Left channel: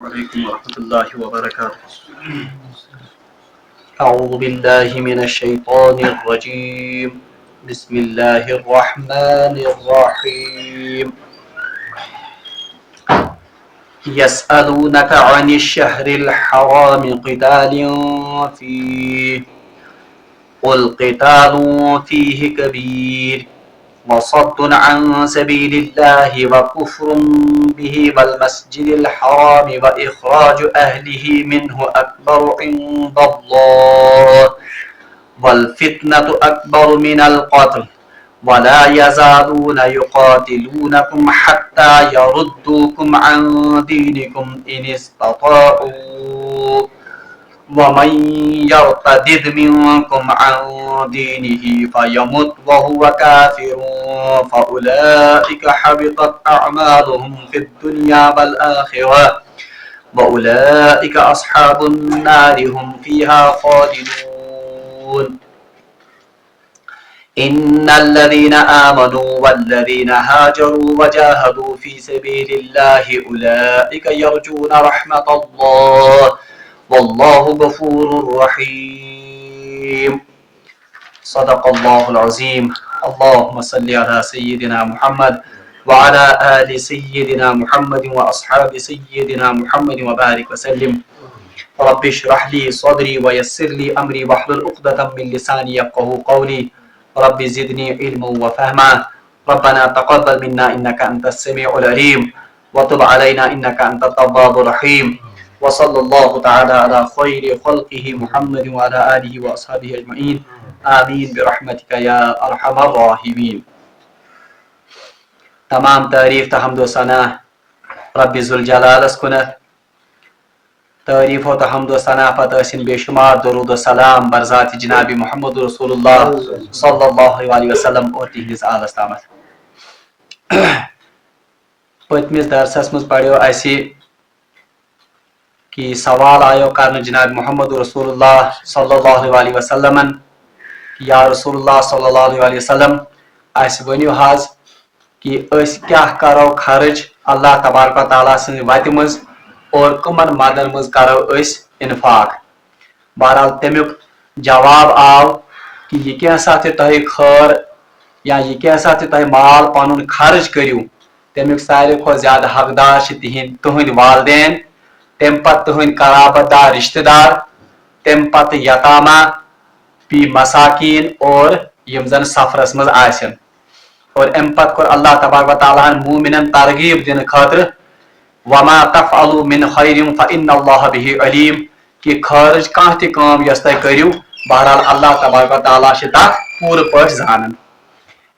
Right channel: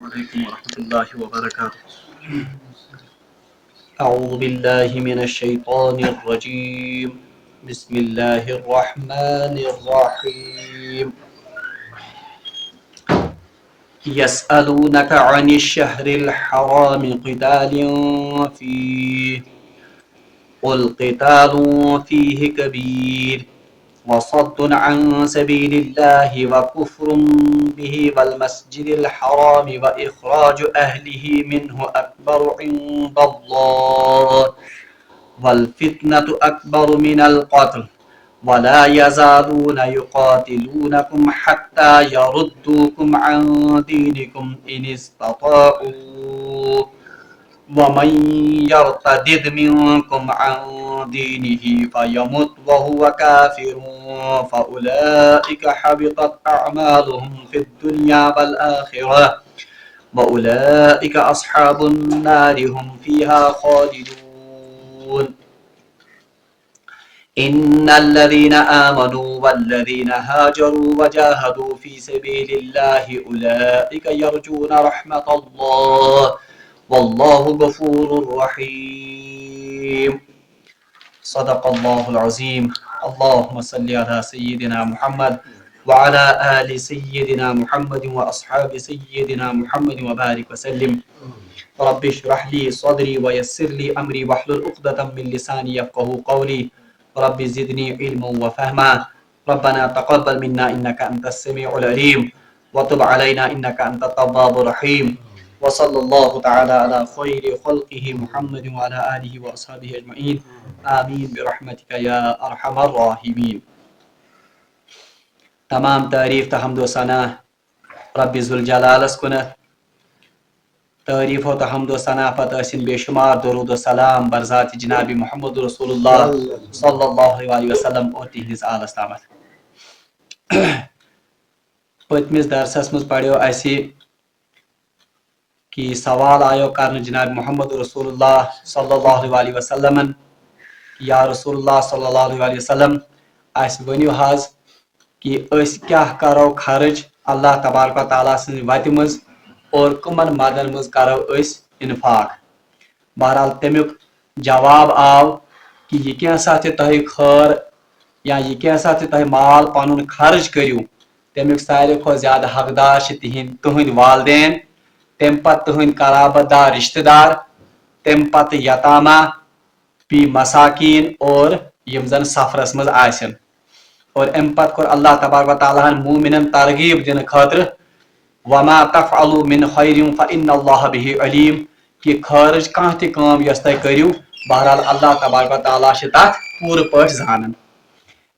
عليكم ورحمة الله وبركاته. أعوذ بالله من الشيطان الرجيم. بسم الله الرحمن الرحيم. يسألونك عن الشهر الحرام قتال فيه قل قتال فيه كبير وصد عن سبيل الله وكفر به والمسجد الحرام وإخراج أهله منه أكبر عند الله والفتنة أكبر من القتل ولا يزالون يقاتلونكم حتى يردوكم عن دينكم إن استطاعوا ومن يرتد منكم عن دينه فيمت وهو كافر فأولئك حبطت أعمالهم في الدنيا والآخرة وأولئك أصحاب النار هم فيها خالدون. إن الذين آمنوا والذين هاجروا وجاهدوا في سبيل الله أولئك يرجون رحمة الله والله غفور رحيم. صدق الله العظيم. اللهم صل على سيدنا محمد وعلى آل سيدنا محمد وأصحاب سيدنا محمد وبارك وسلم. رب اشرح لي صدري ويسر لي أمري واحلل عقدة من لساني يفقهوا قولي. رب زدني علما وفهما. ربنا تقبل منا إنك أنت السميع العليم وتب علينا إنك أنت التواب الرحيم. وصلى الله تعالى على خير خلقه محمد وعلى آله وأصحابه أجمعين. آمین برحمتک یا ارحم الراحمین. تمام تعریف تو حمد و ثنا رب ذوالجلالس کنت. تعریف و حمد و ثنا پتہ ٲسِن بے شمار درود و سلام بر ذات جناب محمد رسول اللہ صلی اللہ علیہ وسلم اور تہندس آلس تامت. پتمس درسس مز پڑھو اسی کہ سوال آیو کرنے جناب محمد رسول اللہ صلی اللہ علیہ وسلم یا رسول اللہ صلی اللہ علیہ وسلم اس ونیو حاض کہ اس کیا کرو خرچ اللہ تبارک و تعالیٰ سن وت مز اور کمن مادن مز کرو اس انفاق. بہرحال تمیک جواب آو کہ یہ کیسا تہ تہ خیر یا یہ کیسا تہ تہ مال پنن خرچ کریو تمیک ساروی کھو زیادہ حقدار تہند والدین، تم پتہ تہند قرابت دار رشتہ دار، تم پتہ یتامہ پی مساکین اور یم زن سفرس مز آسن. اور ام پتہ کور اللہ تبارک و تعالیٰ مومنن ترغیب دن خاطر وما تفعلوا من خیر فإن اللہ به علیم کہ خارج کانٛہہ تہِ کٲم یۄس تُہۍ کٔرِو بہرحال اللہ تبارک و تعالیٰ چھِ تتھ پوٗرٕ پٲٹھۍ زانان.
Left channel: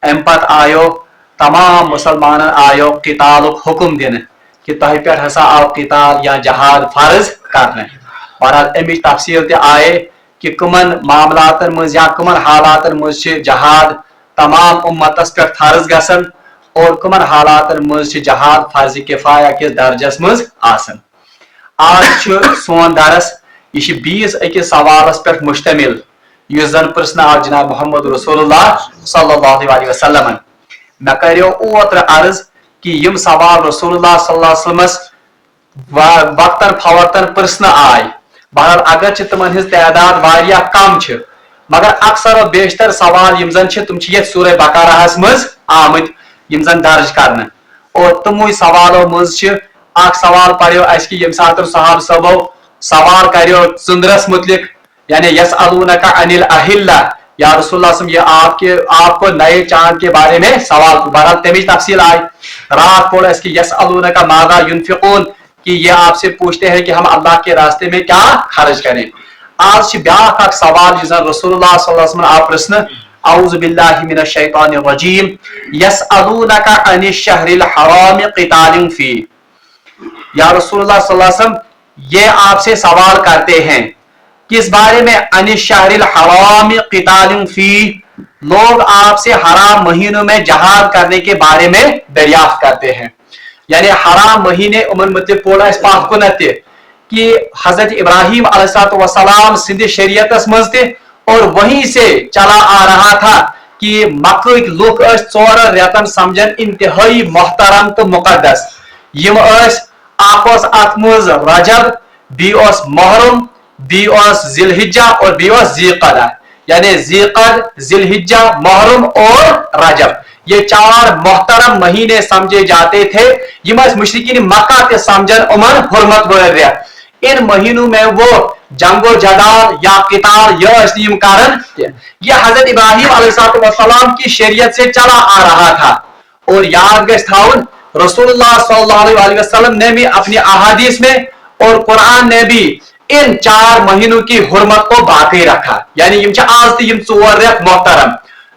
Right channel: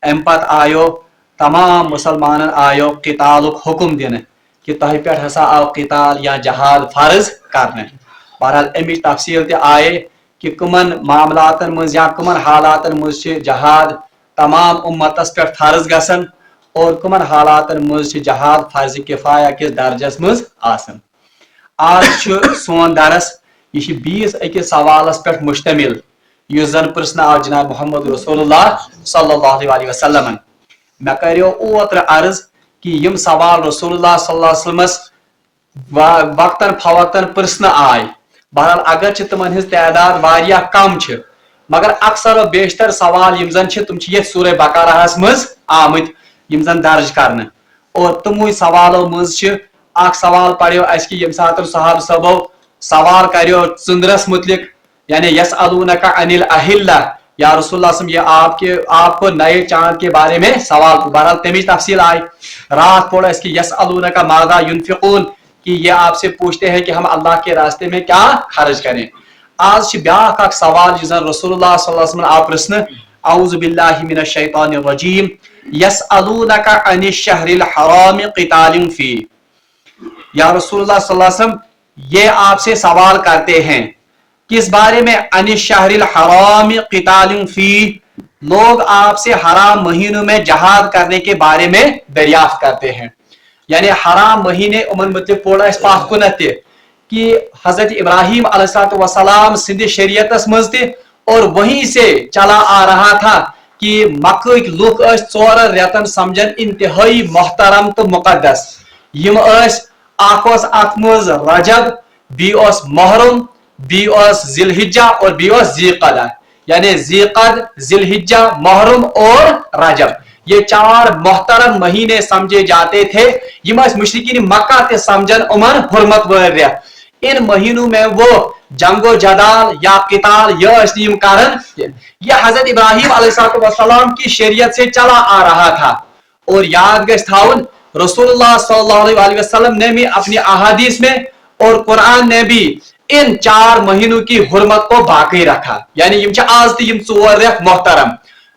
ام پتہ آیو تمام مسلمانن آیو قتالُک حکم دِنہٕ کہ تۄہہِ پٮ۪ٹھ ہسا آو قتال یا جہاد فرض کرنہٕ. بہرحال امِچ تفصیل تہِ آیے کہ کمن معاملاتن مز یا کمن حالاتن مز جہاد تمام امتس پہ فرض گسن اور کمن حالاتن مز جہاد فرض کفایہ کس درجس مز آسن. آج سون درس یہ بیس اکس سوالس پہ مشتمل اس زن پرسن آو جناب محمد رسول اللہ صلی اللہ علیہ وسلم. مے کریو اوتر عرض کہ یم سوال رسول اللہ صلی اللہ علیہ وسلم وقتاً فوقتاً پرسن آئے. بہرحال اگرچہ تمن ہز تعداد واریاہ کم چھ مگر اکثر و بیشتر سوال یم زن چھ تم چھ یہ سورہ بقرہس مز آمت یم زن درج کرنے. اور تموی سوالو مز چھ اخ سوال پڑھو اس کی یم ساتر صحابہ صاحبو سوال کریو ژندرس متعلق یعنی یسألونک عن الاہلہ یا رسول اللہ صلی اللہ علیہ وسلم یہ آپ کو نئے چاند کے بارے میں سوال. بہرحال تمیج تفصیل آئی. رات پڑھ اس کی یسألونک ماذا ينفقون کہ یہ آپ سے پوچھتے ہیں کہ ہم اللہ کے راستے میں کیا خرچ کریں. آج بیاکھ اکھ سوال جس رسول اللہ صلی اللہ علیہ وسلم آپ پرسن اعوذ باللہ من الشیطان الرجیم یسألونک عن الشہر الحرام قتال فی. یا رسول اللہ صلی اللہ علیہ وسلم یہ آپ سے سوال کرتے ہیں کس بارے میں؟ عن الشہر الحرام قتال فی. لوگ آپ سے حرام مہینوں میں جہاد کرنے کے بارے میں دریافت کرتے ہیں. یعنی حرام مہینے امن متعلق پوڑا اس پاک کو نتے کہ حضرت ابراہیم علیہ السلام سندھ شریعتس مز تے اور وہیں سے چلا آ رہا تھا کہ مکہ لوگ اس 4 ریتن سمجھن انتہائی محترم تو مقدس. یم اس आखोस अतमुज रजब, बीओस मुहर्रम, बीओस जिलहिज्जा और बीओस ज़ीक़दा, यानी ज़ीक़द, जिलहिज्जा, मुहर्रम और रजब। ये 4 मोहतरम महीने समझे जाते थे। यम मुशरिकीन मक्का ते समझन उमन हुर्मत वाले। इन महीनों में वो जंगो जदाल या किताल यम कारण ये हजरत इब्राहिम अलैहिस्सलाम की शरीयत से चला आ रहा था। और याद गश थाउन रसूलुल्लाह सल्लल्लाहु अलैहि वसल्लम ने भी अपनी अहादीस में और कुरान ने भी इन 4 महीनों की हुर्मत को बाकी रखा। यानी यम आज तम 4 रेत मोहतरम,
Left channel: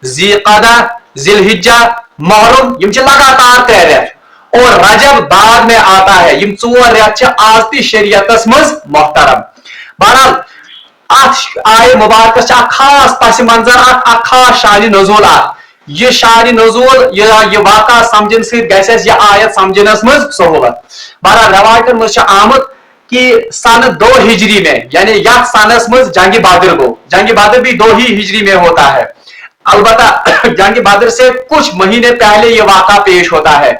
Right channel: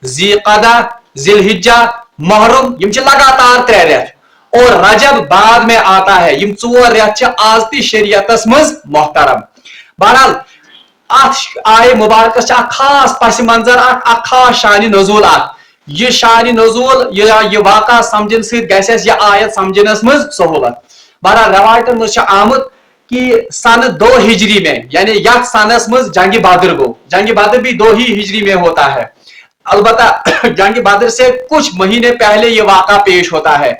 ज़ीक़दा, जिलहिज्जा, मुहर्रम यम लगातार 3 रेत, और रजब बाद में आता है। यम 4 रेत आज ती शरीयतस मज मोहतरम। बहरहाल आय मुबारक खास पस मंजर, खास शान नज़ूल। ये शान नज़ूल ये वाक़ा समझन से यह आयत समझनस मज सहूलत। बहरहाल रवायतन मज आमद कि सन 2 हिजरी में, यानी यह सनस मज जंग बदर गो। जंग बदर भी 2 ही हिजरी में होता है। अलबत्ता जंग बदर से कुछ महीने पहले ये वाक़ा पेश होता है।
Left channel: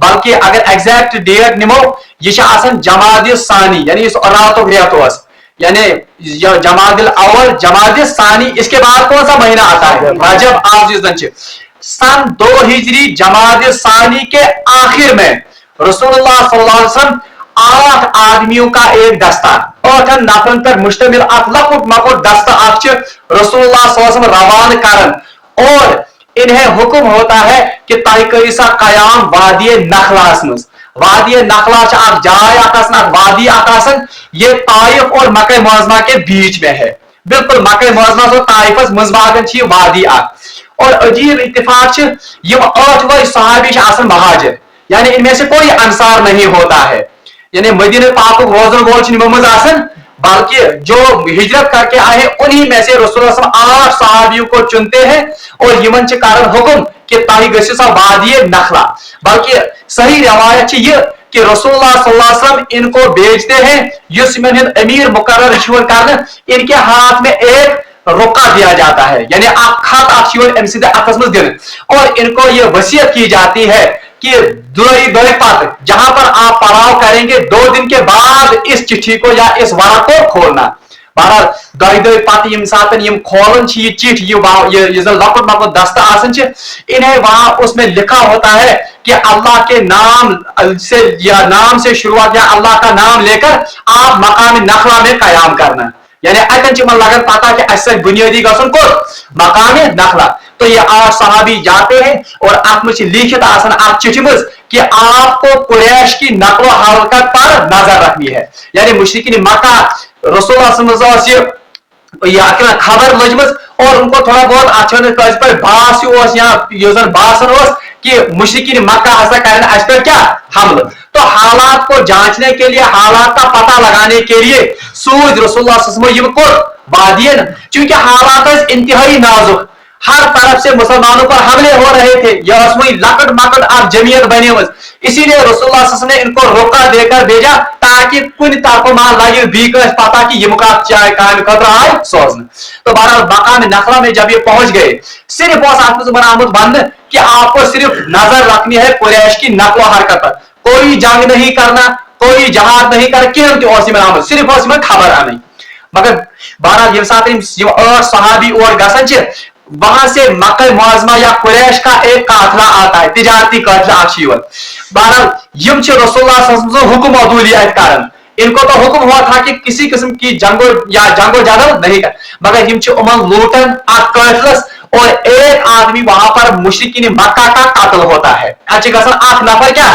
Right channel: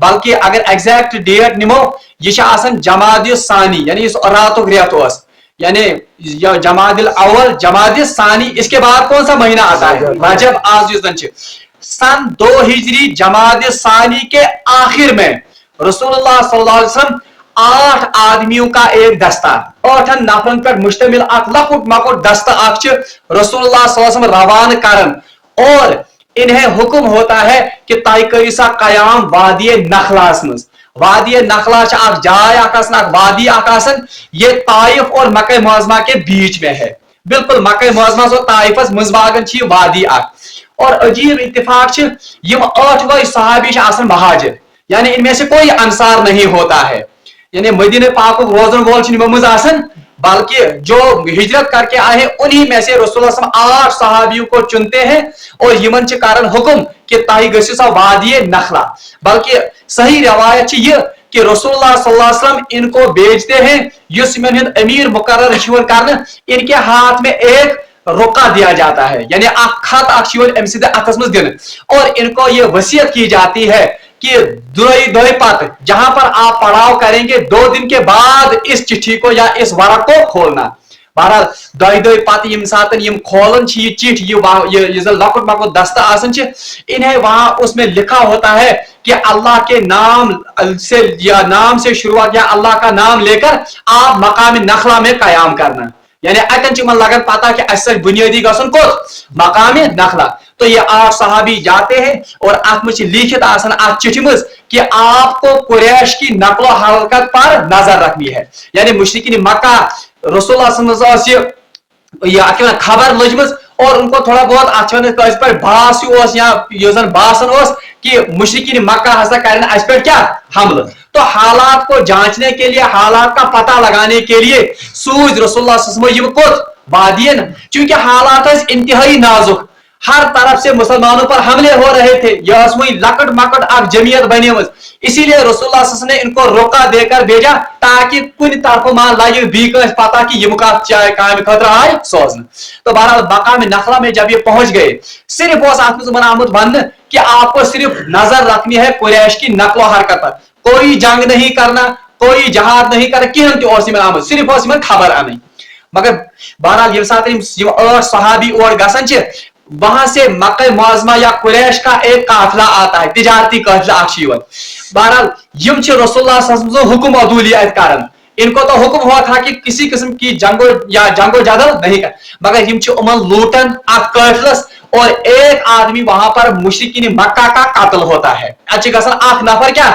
बल्कि अगर एग्जैक्ट डेट निमो यह जमादिल सानी, यानी इस रातों रेत, यानी जमादिल अव्वल, जमादिल सानी, इसके बाद कौन सा महीना आता है? रजब। आज सन 2 हिजरी जमादिल सानी के आखिर में रसूलुल्लाह सल्लल्लाहु अलैहि वसल्लम 8 आदमियों का एक दस्ता, 8 नफरन पर मुश्तमिल लकुट मकुट दस्ता रसूलुल्लाह सल्लल्लाहु अलैहि वसल्लम रवान करन, और इन्हें हुक्म होता है कि ताइकसा कयाम वादी नखलास मज। वादी नखला जाय वादी आकाशन, ये ताइफ और मक्का मुअज़्ज़मा के बीच में है। बिल्कुल मक्का मुअज़्ज़मा और ताइफस मज़बागन वादी और अजीब इत्तेफाक ये 8 वही सहाबी महाजिर, यानी इनमें से कोई अंसार नहीं होता है। यानी मदीना पाक रोजन वोल, बल्कि जो हिजरत करके आए हैं उन्हीं में से रसूलुल्लाह 8 सहाबियों को चुनते हैं, और यमन के कारण हुक्म कि ताई गसा वादी नखला। बल्कि सही रवायत ये कि रसूलुल्लाह सल्लल्लाहु अलैहि वसल्लम इनको भेजते हैं, युस्मिन अमीर मुकर्रर करने, इनके हाथ में एक रुका दिया जाता है, यानी खत दिन, और इनको ये वसीयत की जाती है कि जहां पर आप पड़ाव करेंगे 2 दिन के बाद इस चिट्ठी को या इस वरक को खोलना। बहरहाल दो पत खोलन ये चिट्ठी, ये लकुट मकुट दस्ता इन्हें वहां उसमें लिखा होता है कि अल्लाह के नाम से या नाम से शुरुआत, या अल्लाह का नाम लेकर आप मकाम नखला में कयाम करना। यानी अतन लगन पता कि अस बुनियादी गसन को मकाम नखला। तो ये 8 सहाबी जाते हैं, और अत में लिखित चिट्ठी मज कि आपको कुरैश की नकलो हरकत पर नजर रखनी है। यानी मुशरिकीन मक्का रसूलुल्लाह खबर लजमज, और उनको थोड़ा बहुत अच्छा पर बास या बासन कि मुशरिकीन मक्का हसा करना अस पर क्या हमला। तो हालात को जांचने के लिए, हालात का पता लगाने के लिए सूझ रसूलुल्लाह वादियन, चूंकि हालात इंतहाई नाजुक, हर तरफ से मुसलमानों पर हमले हो रहे थे, यह लकट मकट आप जमीयत बनी, इसीलिए रसूलुल्लाह सल्लल्लाहु अलैहि वसल्लम ने इनको रोका देकर भेजा ताकि कुछ तापमान लगे बीक पता कि यह काम खतरा आए सोचने। तो बहरहाल मकाम नखला में जब ये पहुंच गए, सिर्फ आमद बंद कि आपको सिर्फ नजर रखनी है कुरैश की नकलो हरकत पर, कोई जंग नहीं करना, कोई जहाद नहीं करना, कह सिर्फ खबर आनी। मगर बहरहाल ये 8 सहाबी और गसन वहां से मक्का मुअज़्ज़मा या कुरैश का एक काफिला आता है, तिजारती काफिला। बहरहाल यम रसूलुल्लाह सल्लल्लाहु अलैहि वसल्लम हुक्म अदूलियत कारण, इनको तो हुक्म हुआ था कि किसी किस्म की जंगो जदल नहीं कर, मगर यम उमन लूटन काफिलस, और एक आदमी वहां पर मुशरिकीन मक्का का कत्ल होता है। 8 नफर क्या,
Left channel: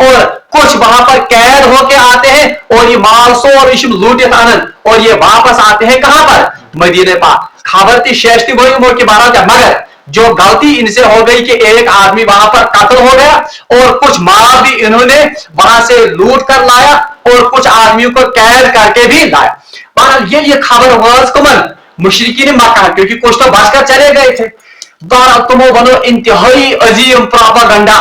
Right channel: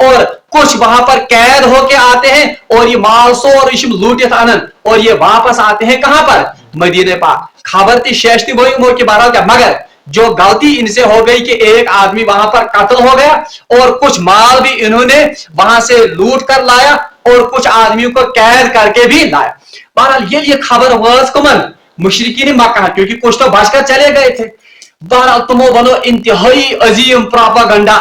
और कुछ वहां पर कैद होके आते हैं, और ये मालसो और लूटित आनंद, और ये वापस आते हैं कहां पर? मदीने पाक। खबर थी शेषती वही उम्र की 12 का, मगर जो गलती इनसे हो गई कि एक आदमी वहां पर कत्ल हो गया, और कुछ माल भी इन्होंने वहां से लूट कर लाया, और कुछ आदमियों को कैद करके भी लाया। बहरहाल ये खबर वाज कुमन मुशरिकीन मक्का, क्योंकि कुछ तो बचकर चले गए थे। बहरहाल तुमो बनो इंतहाई अजीम प्रोपेगेंडा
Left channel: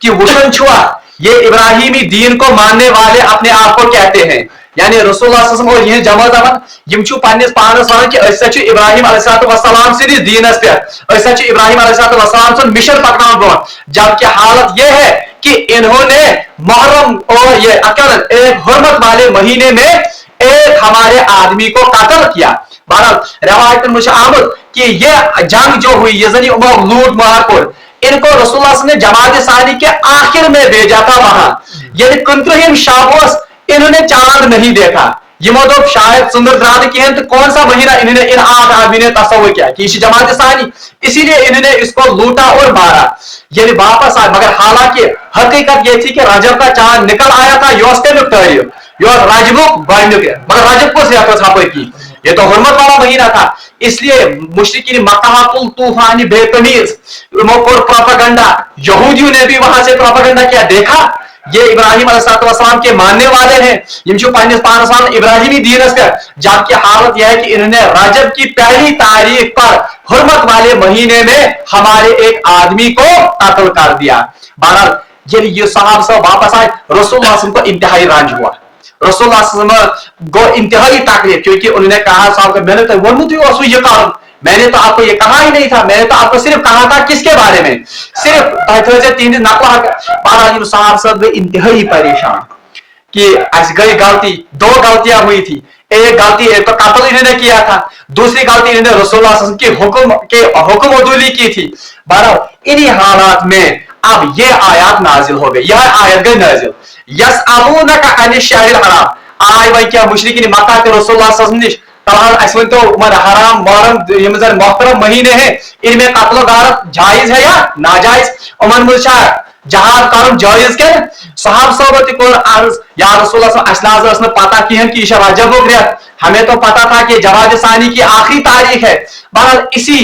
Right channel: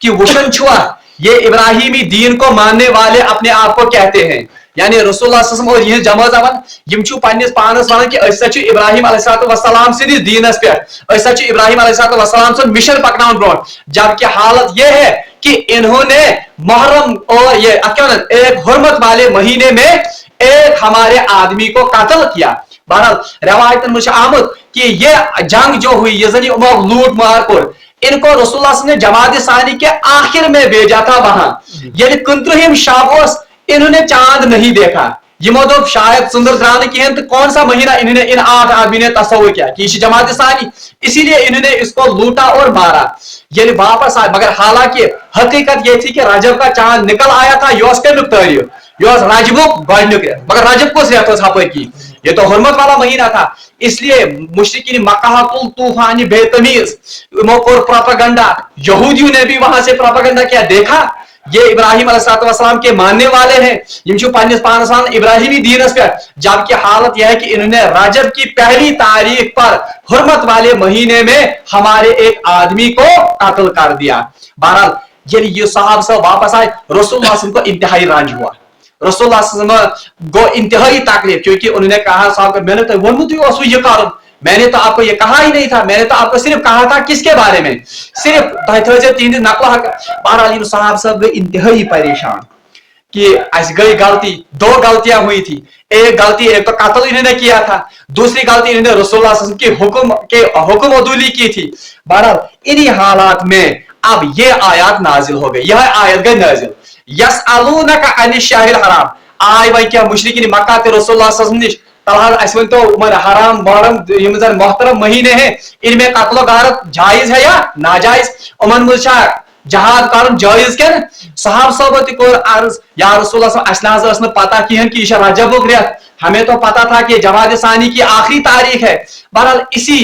कि वुशन छुआ, ये इब्राहिमी दीन को मानने वाले अपने आप को कहते हैं, यानी रसूलुल्लाह सल्लल्लाहु अलैहि वसल्लम और यह जमा जमान यम छु पन्निस पानस वन कि अस छु इब्राहिम अलैहिस्सलाम से दीनस पे, अस छु इब्राहिम अलैहिस्सलाम से मिशन पकनान ब्रोन, जबकि हालत यह है कि इन्होंने मुहर्रम और ये एक हुर्मत वाले महीने में एक हमारे आदमी को कत्ल किया। रवायत में आमद कि ये जंग जो हुई, ये जनी लूट मार कोर, इनको रसूलुल्लाह ने जमात सानी के आखिर में भेजा था वहां, यानी 15 शाबोस इन्होंने चांद नहीं देखा। यमो दोप शायद सुंदर द्राद की हैं, तो कौन सा महीना इन्होंने इन 8 आदमी ने तस्वर किया कि जमात सानी, इसीलिए इन्होंने इसको लूटा और मारा, यानी वापस आया। मगर हालांकि हकीकत ये थी कि रजब का चांद निकल आया था, योस के तारीख योस राजबुक गॉडनुक, मगर रजब को से की, ये तो हुर्मत वाला महीना था। इसलिए मुशरिकीन मक्का कुल तूफानी बेतमीज प्रोपेगेंडा, यहूदियों ने भी वहां से प्रोपेगेंडा किया। देखा ये इब्राहिम अलैहिस्सलाम के मानने वाले हैं, इब्राहिमी दीनस का, जबकि हालत यह है कि इन्होंने रजब की पहली तारीख पर हुर्मत वाले महीने में हमारे एक आदमी को कत्ल कर दिया। बहरहाल ये साहब सब वापस आए, रसूलुल्लाह को इंतहाई रंज हुआ, रसूलुल्लाह को इंतहाई तकलीफ, क्योंकि उन्होंने कहा साहब मैंने तो वोनमुत ये कारण, मैंने तो आपको ये कहा ही नहीं था, मैंने तो आपको सिर्फ कहा था किसके बारे में, सिर्फ 3 दिन नकला। बहरहाल साहब सब इंतहाई परेशान कि ऐसी गई गलती, 2 गलतियां हुई थी। एक गलती, एक तो कत्ल इन्होंने किया था, दूसरी गलती इन्होंने रसूलुल्लाह की हुक्म अदूली की थी। बहरहाल इन्हीं हालात में अब ये आयत नाजिल हो गई, यह आयत गई नाजिल, यसअलूनका अनिश शहरिल हराम। आय वही क्या मुशरिकीन मक्का के रसूलुल्लाह निश तो हराम मुहर्रम जन मोहतरम महीने हैं, इनमें कत्ल गारत जायज है या नाजायज, उमन मुझा जहाज कारण जायज के साहब सोबत को अर्ज या रसूलुल्लाह असलाज ने पता की है कि रजब रेत, हमें तो पता था कि जमात सानी की आखिरी तारीख है। बहरहाल इसी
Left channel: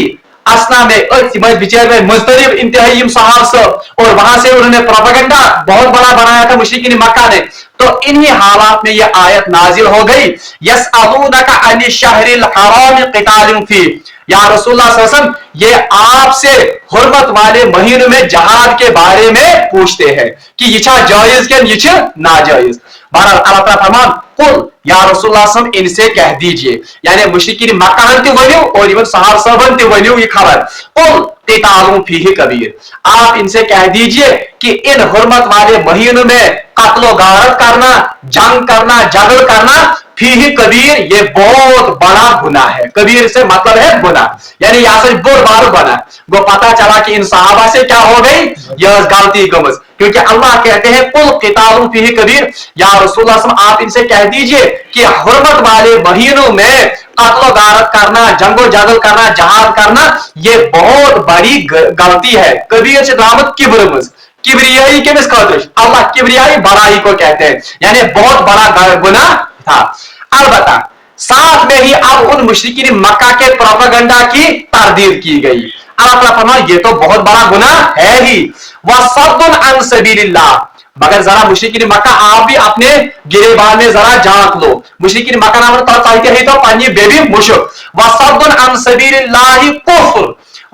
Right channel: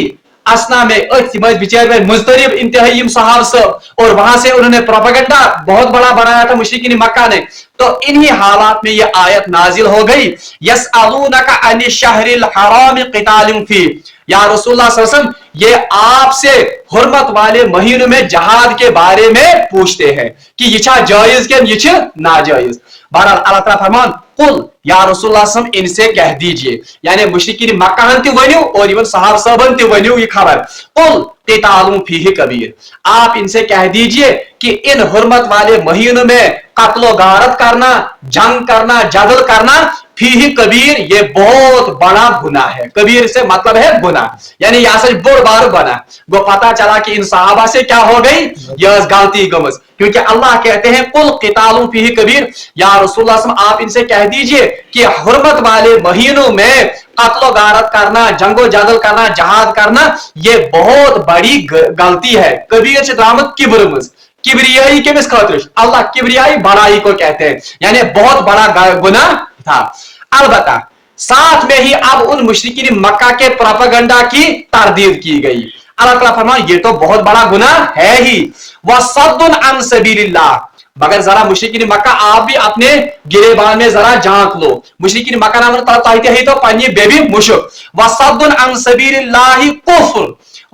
असना में बिचार में मुस्तरिब इंतहाई साहब सब, और वहां से उन्होंने प्रोपेगेंडा बहुत बड़ा बनाया था मुशरिकीन मक्का ने। तो इन्हीं हालात में यह आयत नाजिल हो गई, यसअलूनका अनिश शहरिल हराम क़ितालिन फी, या रसूलुल्लाह सल्लल्लाहु अलैहि वसल्लम ये आपसे हुर्मत वाले महीनों में जहाद के बारे में पूछते हैं कि ये जायज के ये नाजायज। बहरहाल अल्लाह ताला फरमान कुल या रसूलुल्लाह सल्लल्लाहु अलैहि वसल्लम इनसे कह दीजिए, यानी मुशरिकीन मक्का ते वन्यो और इवन सहाबा सबन ते वन्यो ये खबर, कुल क़ितालुन फीहि कबीर, आप इनसे कह दीजिए कि इन हुर्मत वाले महीनों में कत्ल गारत करना, जंग करना, झगड़ करना, फीहि कबीर ये बहुत बड़ा गुनाह है। कबीर से मतलब है गुनाह, यानी यहाँ से बुरा बना। वो पता चला कि इन सहाबा से क्या हो गई, यह गलती गमज, क्योंकि अल्लाह कहते हैं कुल क़ितालुन फीहि कबीर, या रसूलुल्लाह सल्लल्लाहु अलैहि वसल्लम आप इनसे कह दीजिए कि हुर्मत वाले महीनों में कत्ल गारत करना, जंगो जगल करना, जहाद करना, ये बहुत बड़ी गलती है। कबीर से दामद किब्र, किब्रियाई के खातिर अल्लाह किब्रियाई बड़ाई को कहते हैं, यानी बहुत बड़ा गुनाह था। अलबत्ता साथ में ही अब उन मुशरिकीन मक्का के प्रोपेगेंडा की तरदीद की गई। अल्लाह ताला फरमाए ये तो बहुत बड़ा गुनाह है ही, वसद्दुन अन सबीलिल्लाह, मगर जरा मुशरिकीन मक्का आप भी अपने गिरेबान में जरा झांक लो। मुशरिकीन मक्का नाम कहते हैं तो पानी बेबी मुशक, वसद्दुन अन सबीलिल्लाह कुफ्र,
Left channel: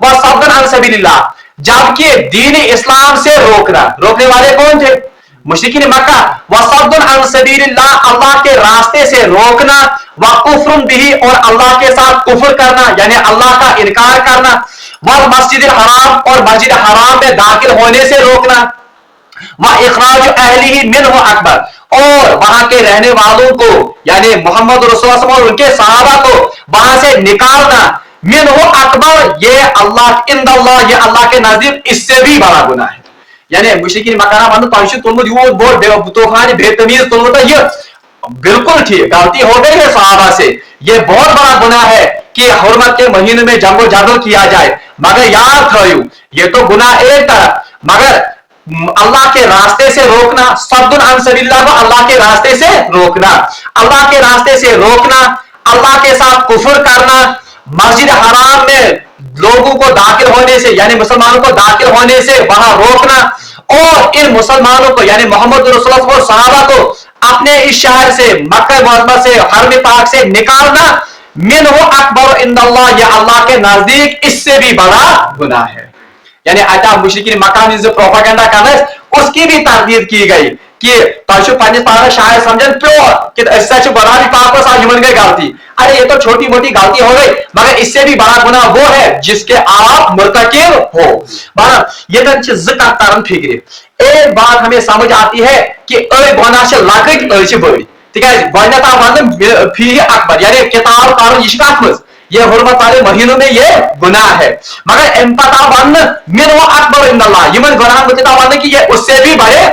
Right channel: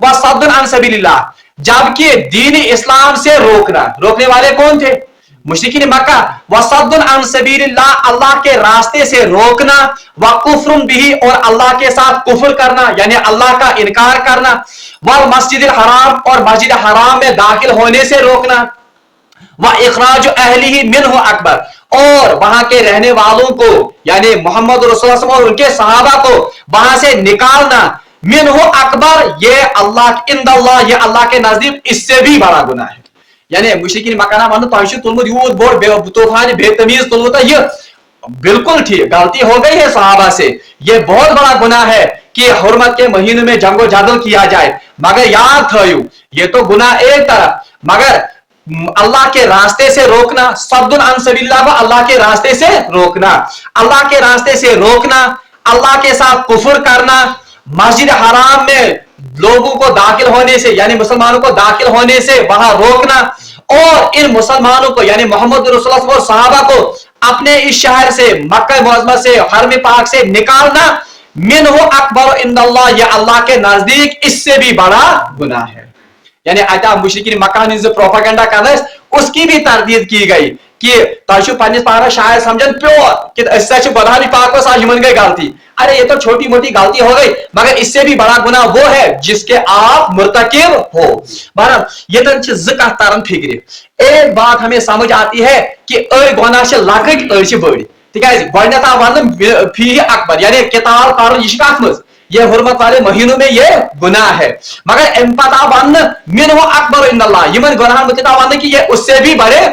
वसद्दुन अन सबीलिल्लाह, जबकि दीन इस्लाम से रोकने वाले कौन थे, मुशरिकीन मक्का। वसद्दुन अन सबीलिल्लाह, अल्लाह के रास्ते से रोकना, व कुफ्रुन बिही, और अल्लाह के साथ कुफ्र करना, यानी अल्लाह का इनकार करना, वल मस्जिदिल हराम, और मस्जिद हराम में दाखिल होने से रोकना, व इखराज अहलिही मिन्हु अकबर, और वहां के रहने वालों को यानी मोहम्मद रसूलुल्लाह और उनके सहाबा को वहां से निकालना, मिन्हु अकबर, ये अल्लाह इंदल्लाह, ये अल्लाह के नजदीक इससे भी बड़ा गुनाह है। यानी मुशरिकीन मक्का वन तूफान बेतमीज तुलमुत, ये बिल्कुल ठीक गलती हो गई है सहाबा से, ये बहुत बड़ा गुनाह है कि हुर्मत के महीने में जंगो जगल किया जाए। मगर याद थयू ये तो गुनाह एक तरफ, मगर अल्लाह के रास्ते से रोकना, सद्दुन अन सबीलिल्लाह, अल्लाह के रास्ते से रोकना, अल्लाह के रास्ते से रोकना, अल्लाह के साथ कुफ्र करना, मस्जिद हराम में लोगों को दाखिल होने से यानी मुसलमानों को दाखिल होने से वहां रोकना, और इन मुसलमानों को यानी मोहम्मद रसूलुल्लाह और सहाबा को अपने इस शहर से, मक्का मुअज़्ज़मा से, हरम पाक से निकालना, मिन्हु अकबर इंदल्लाह, ये अल्लाह के नजदीक इससे भी बड़ा गुनाह है। यानी आता मुशरिकीन मक्का ने जो प्रोपेगेंडा कर रहा है उसकी भी तरदीद की गई کہ تھی پنس پانس شاید سمجھن پیور کہ بدانی پاک کو یمن گئی غلطی. ارے یہ تو چھوٹی موٹی غلطی ہو گئی مگر اس سے بھی بڑا گناہ وہ ہے جس کے آپ مرتکب ہو. یہ زکات تران فکر. ایک بات ہمیں سمجھ آتی ہے کہ اڑ گناہ سے لکٹ اڑ بڑ تاز گۄڈنیٚتھ آو وننہٕ فی اکبر یعنی کتاب کرن یہ کت مز یہ حرمت والے مہینوں میں یہ گناہ ہے. مگر ام پتہ آو وننہٕ من و اکبر عند اللہ یمن گناہن متعلق آو وننہٕ کہ یہ اس سے بھی بڑے.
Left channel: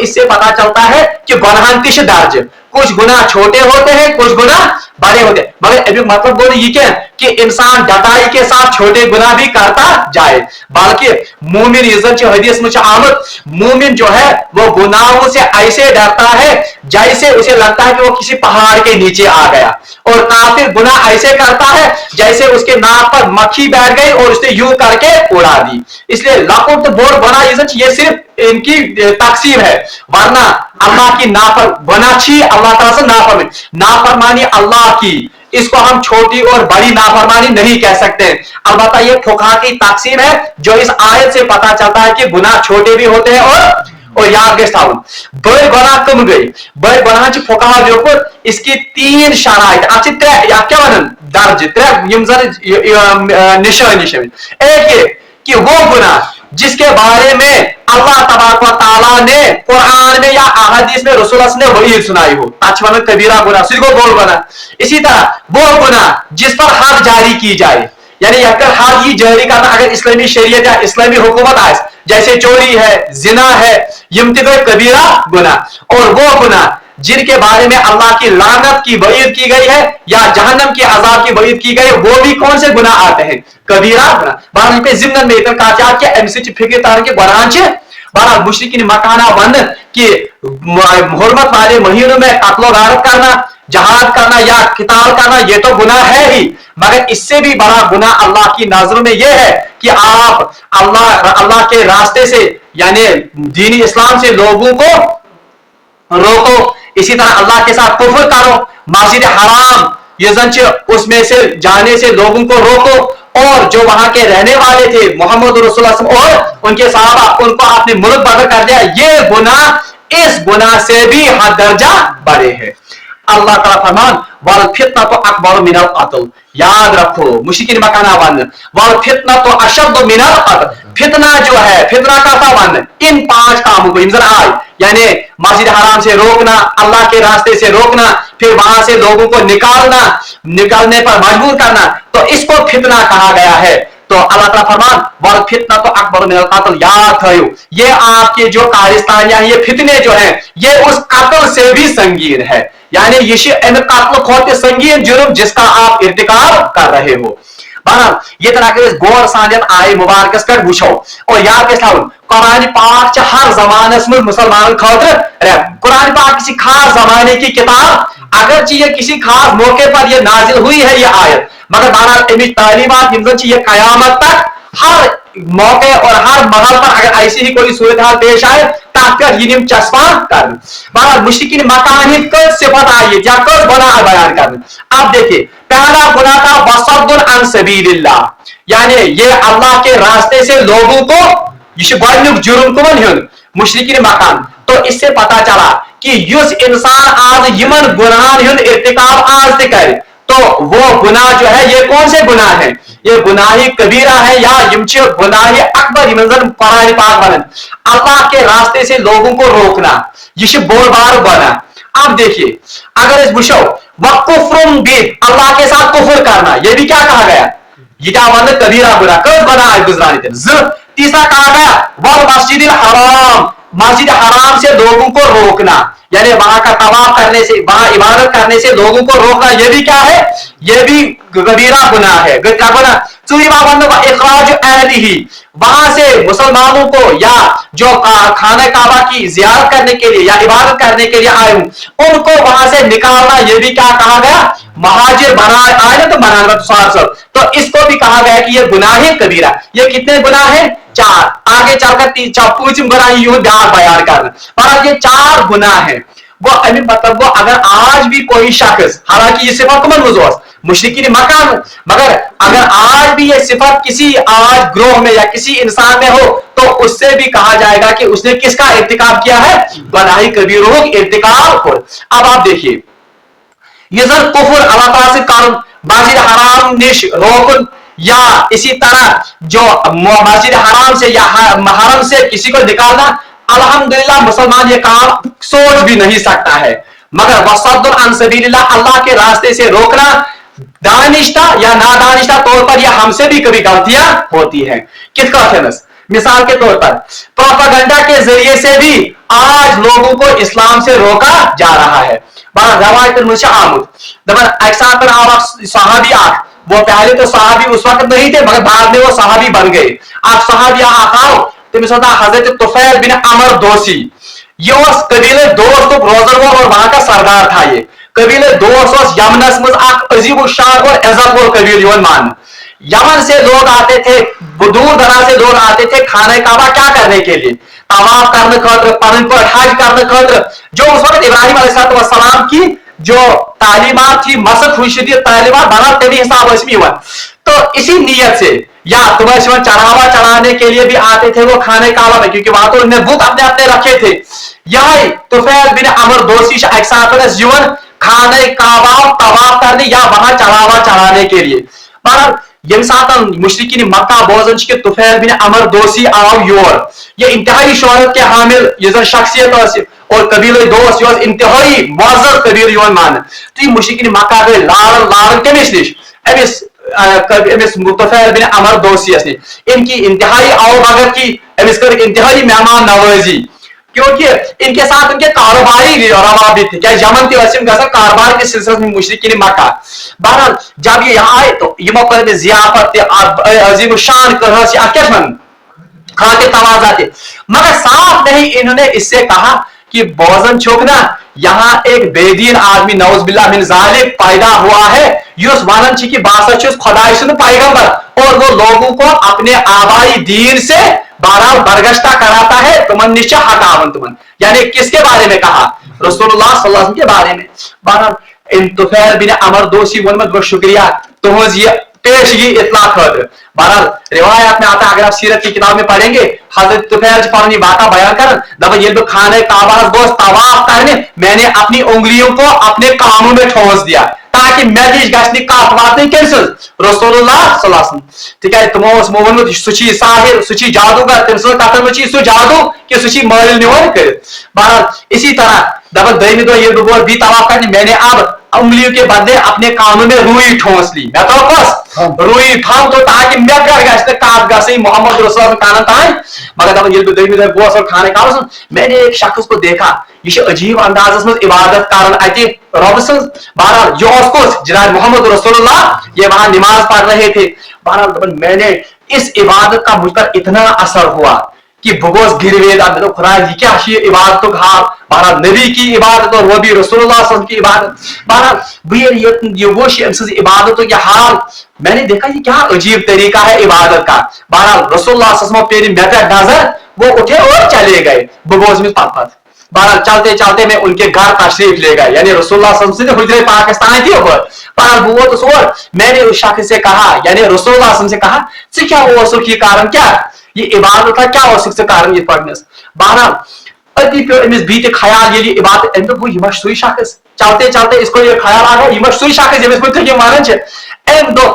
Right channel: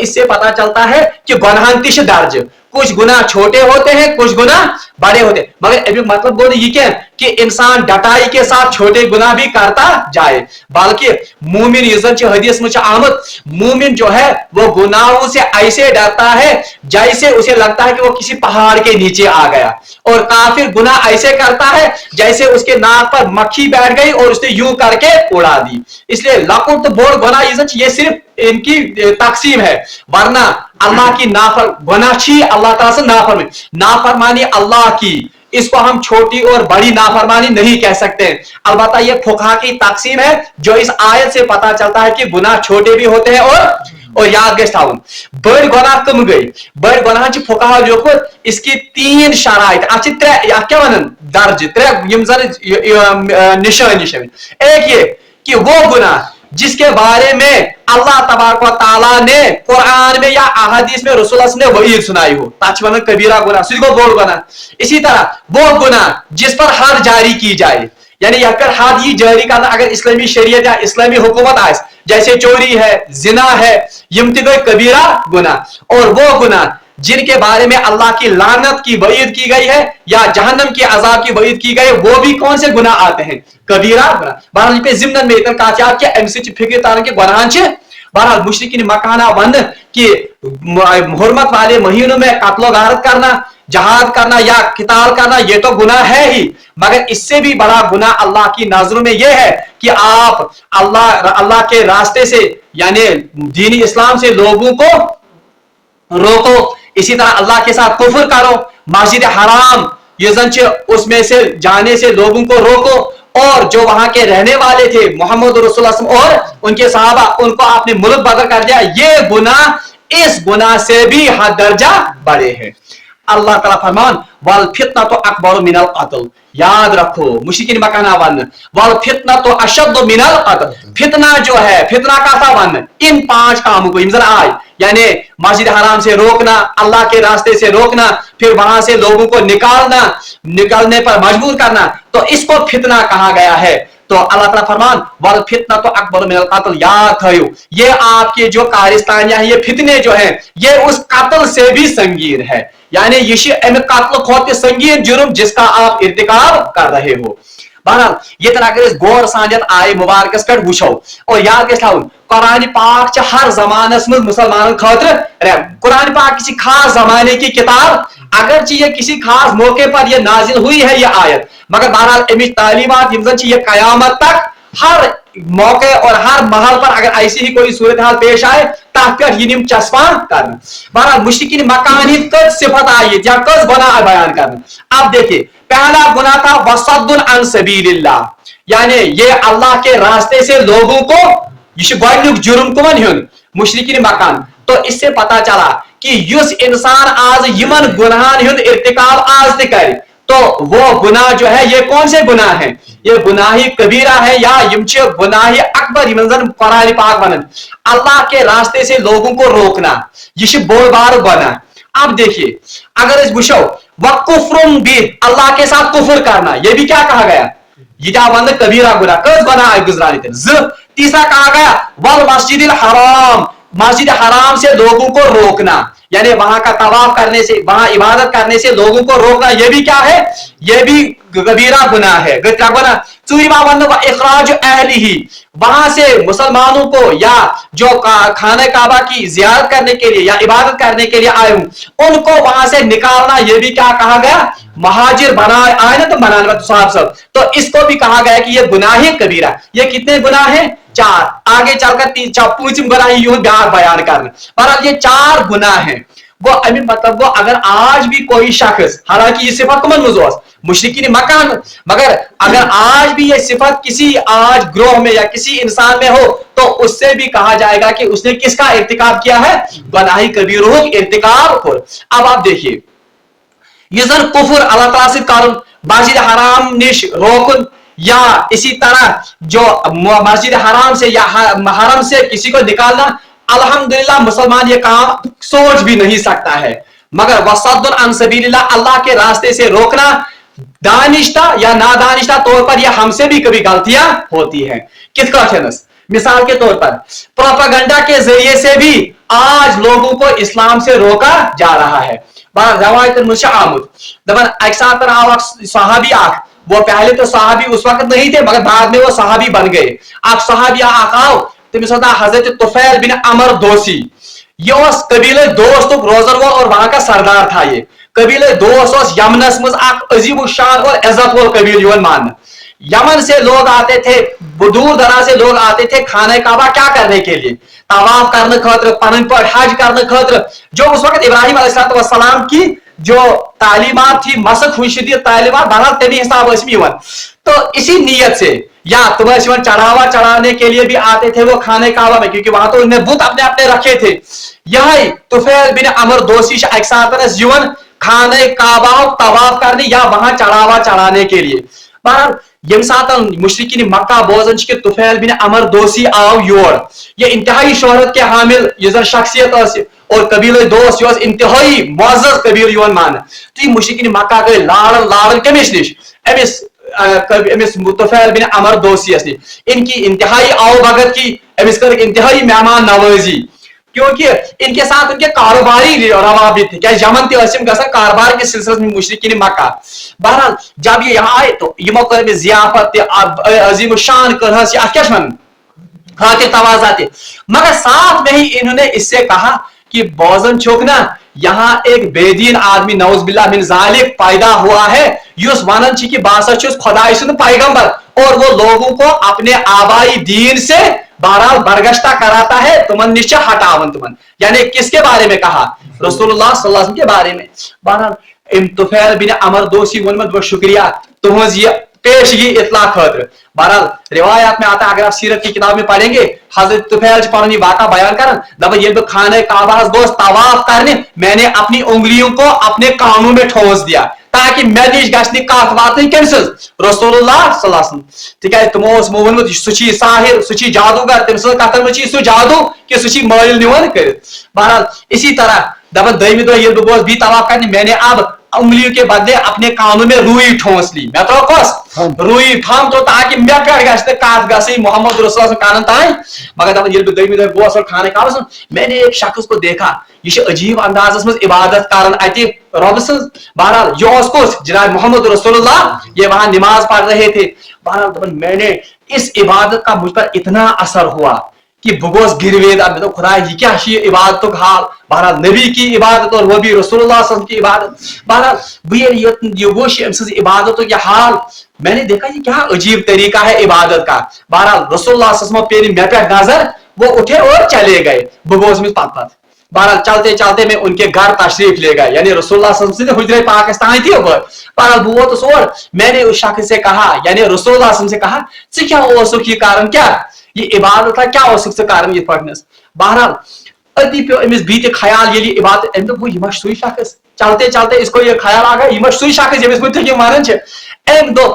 اس سے پتا چلتا ہے کہ گناہن تہ درج کچھ گناہ چھوٹے ہوتے ہیں کچھ گناہ بڑے ہوتے ہیں. مگر ابھی مطلب گو یہ کیا کہ انسان ڈٹائی کے ساتھ چھوٹے گناہ بھی کرتا جائے بلکہ مومن یہ زن حدیث میں آمد مومن جو ہے وہ گناہوں سے ایسے ڈرتا ہے جیسے اسے لگتا ہے کہ وہ کسی پہاڑ کے نیچے آ گیا اور کافر گناہ ایسے کرتا ہے جیسے اس کے ناک پر مکھی بیٹھ گئی اور اس نے یوں کر کے اڑا دی. اس لیے لکٹ بوڑ گناہ یہ صرف ان کی تقسیم ہے ورنہ اللہ کی گناہ چھی اللہ تعالیٰ سے نافرمانی اللہ کی اس کو ہم چھوٹی اور بڑی نافرمانی نہیں کہہ سکتے. البتہ یہ فقہا کی تقسیم ہے جو اس آیت سے پتا چلتا ہے کہ گناہ چھوٹے بھی ہوتے ہیں اور یاد گژھِ تھاون بڑ گناہ کم گئی بڑ گناہ فقہا لیوکھمُت اس کی 3 شرائط اتھ کیا ونان درج 3 یم زن نشانی. ایک یہ کہ وہ گناہ جس کے بارے میں اللہ تبارک و تعالیٰ نے قرآن میں یا احادیث میں رسول اللہ نے وحید سنائی ہو تچ ون کبیرہ گناہ سہ گو بوڑ گناہ. اسی طرح وہ گناہ جس پر حد جاری کی جائے یعنی اگر حد یہ جاری کرنا اگر اسلامی شریعت یا اسلامی حکومت آئے جیسے چوری ہے زنا ہے یم تہ گئے کبیرہ گناہ. اور وہ گناہ جن کے بارے میں اللہ کی لعنت کی وعید کی گئی ہے یا جہنم کے عذاب کی وعید کی گئی ہے وہ بھی کون سے گناہ آتے ہیں کبیرہ گناہ. بہرحال پہ ضمن میں اتنا کہا کہ ام سے فکر تارن کے گناہ بہرحال مشرکین مکانہ ون کہ حرمت والے مہینوں میں قتل و غارت کرنا جہاد کرنا یا قتال کرنا یہ تو گناہ ہے ہی مگر اس سے بھی بڑا گناہ اللہ کی نظروں میں یہ ہے کہ آپ اللہ کے راستے سے یعنی دین اسلام سے لوگوں کو روکو. اسی طرح اللہ کے ساتھ کفر کرو مسجد حرام یہ زن اس میں سے جانے سے لوگوں کو روکو اور جو وہاں کے رہنے والے تھے محمد رسول اللہ صلی اللہ علیہ وسلم اور ان کے صحابہ ان کو اپنے ملک بدر کر دیا یہ گناہ اس گناہ سے بھی حد درجہ بڑے ہیں. اللہ تعالیٰ فرمان والفتنة اکبر من القتل. یاد رکھو مشرکین مکانہ ون والفتنة اشد من القتل. فتنہ جو ہے فتنہ کا تھا ون ان 5 کاموں کو امزن آئے یعنی مسجد حرام سے روکنا اللہ کے راستے سے روکنا پھر وہاں سے لوگوں کو نکالنے پر مجبور کرنا تو اس کو فتنہ کہا گیا ہے. تو اللہ تعالیٰ فرمان والفتنة اکبر من القتل. یاد تھیو یہ آپ کے جو کارستان یا یہ فتنے جو ہیں یہ اس قتل سے بھی سنگین ہے یعنی یہ قتل کھوت سنگین جرم جس کا آپ ارتکاب کر رہے ہو. بہرحال یہ طرح اگر غور سانیت آئے مبارکس پہ وچھو اور یاد گژھِ تھاون قرآن پاک ہر زمانس میں مسلمان خاطر قرآن پاک کسی خاص زمانے کی کتاب اگرچہ یہ کسی خاص موقع پر یہ نازل ہوئی ہے یہ آیت مگر بہرحال امیچ تعلیمات یہ قیامت تک ہر موقع اور ہر محل پر اگر ایسی ہی کوئی صورتحال پیش آئے تک کر یہ چسپاں کرنا. بہرحال مشرکین مکان کت صفت آئی یا کت گناہ بیان کرنا. اب دیکھیے پہلا گناہ تھا وصد عن سبیل اللہ یعنی یہ اللہ کے راستے سے لوگوں کو یہ گۄڈنیُک جرم کمن ہن مشرکین مکان. تو اس سے پتا چلا کہ یس انسان آج یمن گناہن ہند ارتکاب آج تہ کرے تو وہ گناہ جو ہے یہ کون سے گناہ ہیں یہ گناہ کبیرہ ہے یا یم گناہ اکبر یم زن قرآن پاک ونن اللہ کے راستے سے لوگوں کو روکنا یہ بوڑ بار گناہ. اب دیکھیے اگر اس وچھو وکفر بھی اللہ کے ساتھ کفر کرنا یہ بھی کیا کہا گیا یہ کیا ون کبیرہ گناہ کس گناہ ہے گزرانے تیسرا کہا گیا والمسجد الحرام مسجد حرام سے لوگوں کو روکنا یعنی وہاں کا طواف کرنے سے وہاں عبادت کرنے سے لوگوں کو روکنا یہ بھی کیا ہے یہ بھی کبیرہ گناہ ہے. کیا گناہ اخراج اہلہ وہاں سے مسلمانوں کو یا جو خانہ کعبہ کی زیارت کرنے کے لیے یا عبادت کرنے کے لیے آئے ہوں ان کو وہاں سے نکالنا یہ بھی کیا کہا گیا مہاجر بنا آئے نا تو بنانا تو اس کو بھی کہا گیا کہ یہ گناہ کبیرہ. یہ کتنے گناہ ہیں 4 آگے چل کر پوچھم گناہ یہ بیان کرنا. پر یہ 4 گناہ ہیں وہ مطلب وہ اگر آج بھی کوئی شخص حالانکہ یہ صفت کمن مز मुशरिकीन मक्का में। मगर अगर आज भी ये सिफत किसी आज ग्रोह में या किसी इंसान में हो तो उससे भी कहा जाएगा कि उसने किसका इर्तिकाब किया है, बड़ाई कबीरों इर्तिकाब हो। अब आप देखिए ये जर कुफर अल्लाह ताला से कारण मस्जिद हराम निश रोकन या इसी तरह जो मस्जिद हराम से या हरम से किसी को निकालना, अल्हम्दुलिल्लाह मुसलमान ये काम सोच भी नहीं सकता है। मगर वसद्दुन अन सबीलिल्लाह, अल्लाह के रास्ते से रोकना दानिश्ता या नादानिश्ता तौर पर यह हमसे भी कभी गलतियां होती हैं। किसका फेमस मिसाल के तौर पर प्रोपेगेंडा के जरिए से भी आज लोगों को इस्लाम से रोका जा रहा है। बड़ा रवायत मुझे आमुद दबन अक्सर पर आवाज सहाबी आख, वो पहले तो सहाबी उस वक्त नहीं थे मगर बाद में वो सहाबी बन गए। आप सहाबी आकाओ तमिस हजरत तुफैल बिन अमर दोसी, ये कबीले दोस्त रोजर वो और वहां का सरदार था। ये कबीले दोस्त यमनस में अजीब शान और इज्जत वो कबील मान। यमन से लोग आते थे, दूर दराज से लोग आते थे खाने काबा क्या करने के लिए, तवाफ करने खतर, पन पर हज करने खतर, जो उस वक्त इब्राहिम अलैहिस्सलाम की जो तालीमात थी मसद हुई तालीमात बना तभी हिसाब हुआ। तो इसी नीयत से या तुम्हें चढ़ावा चढ़ाने के लिए भी आते थे वो खाने काबा में, क्योंकि वहां तो उन्हें बुत अपने अपने रखे थे। यही तुफैल बिन अमर दोसी अक्सर जीवन खाने काबा तवाफ करने या वहां चढ़ावा चढ़ाने के लिए। मगर यम सात मुशरिकीन मक्का बोजन के तुफैल बिन अमर दोसी आओ योर, ये इंतहाई शोहरत के हामिल ये शख्सियत और कबीले दोस्त यो इंतहाई मुअज़्ज़ज़ कबील योन मान। तो ये मुशरिकीन मक्का गए लारन लारन कमिस निश अमिस तुफैल बिन अमर दोसी ने इनकी इंतहाई आओ भगत की, अमिस कर इंतहाई मेहमान नवाजी, क्योंकि इनके साथ उनके कारोबारी रवाबित थे। क्या यमन थी कारोबार के सिलसिले में मुशरिकीन मक्का। बहरहाल जब ये यहाँ आए तो यमो कर जियाफत अजीम शान कर खा के तवाजा थे, मगर साथ नहीं इन्होंने इससे कहा कि बोजन छोकना यहाँ एक बेदीन आदमी नौज बिल्लाह मिन जालिक पैदा हुआ है, युस वनन छी कि बासा छी उस खुदाई सुन पैगंबर, और वो लोगों को अपने आबाई दीन से बारह बरगश्ता कराता है, तुमन निश्चय हटावन तुमन, यानी किसके बारे में कहा, रसूलुल्लाह सल्लल्लाहु अलैहि वसल्लम के बारे में। बहरहाल इन तुफैल बिन अमर दोसी वनमत बहुत शुक्रिया तुमज ये पेश ये इतला खतर। बहरहाल रिवायत में आता है, अगर आप सीरत की किताब में पढ़ेंगे हजरत तुफैल पानी बात बयान कर दबा ये खाने काबा दोस्त तवाफ करने मैंने अपनी उंगलियों को अपने कानों में ठोस दिया ताकि मैं गश्त कत वातन कमस रसूलुल्लाह सल्लल्लाहु अलैहि वसल्लम। तिकाज तमो मोहन सह साहिर सह जादूगर तम कथन वह सह जादू कि सह मारिल निवन कर। बहरहाल इसी तरह दबा दमी दो ये बोल भी तवाफ करने मैंने अब उंगलियों के बदले अपने कानों में रुई ठोस ली, मैं तो कस रुई थाम तो ताकि मैं कर गश्त कत गई मोहम्मद रसूल कान तान। मगर दबा ये दमी दो बोस और खाने का मैंने एक शख्स को देखा ये अजीब अंदाज में इबादत कर अति रब सज। बहरहाल ये जनाब मोहम्मद रसूलुल्लाह ये वहां नमाज पढ़ रहे थे। बहरहाल मैंने इस इबादत का मुझ पर इतना असर हुआ कि बगोस गिरवेद तो खुदा ये क्या इबादत तो हाल, बहरहाल नबी की इबादत और वो भी रसूलुल्लाह सल्लल्लाहु अलैहि वसल्लम की इबादत। बहरहाल ये वो इबादतों के हाल मैंने देखा ये क्या अजीब तरीका है इबादत का। बहरहाल रसूलुल्लाह सल्लल्लाहु अलैहि वसल्लम पे नजर वो उठे और चले गए बगोस में पत। बहरहाल चलते चलते मैं उनके घर तशरीफ ले गए, यानी रसूलुल्लाह सल्लल्लाहु अलैहि वसल्लम हुजरे पाकिस्तान के ऊपर। बहरहाल वो तो सोर मैंने उस शख्स से कहा यानी रसूलुल्लाह सल्लल्लाहु अलैहि वसल्लम से कहा से क्या वो सुख की कारण क्या ये इबादत का क्या सुख से कारण ये पढ़ने। बहरहाल अति पे अमिस बीते ख्याल ये इबादत अम वो यह सुई शख्स चलते चलते इसको ये ख्याल आ गया यह सुई शख्स यमिस मुझे ये मानन छे अम दो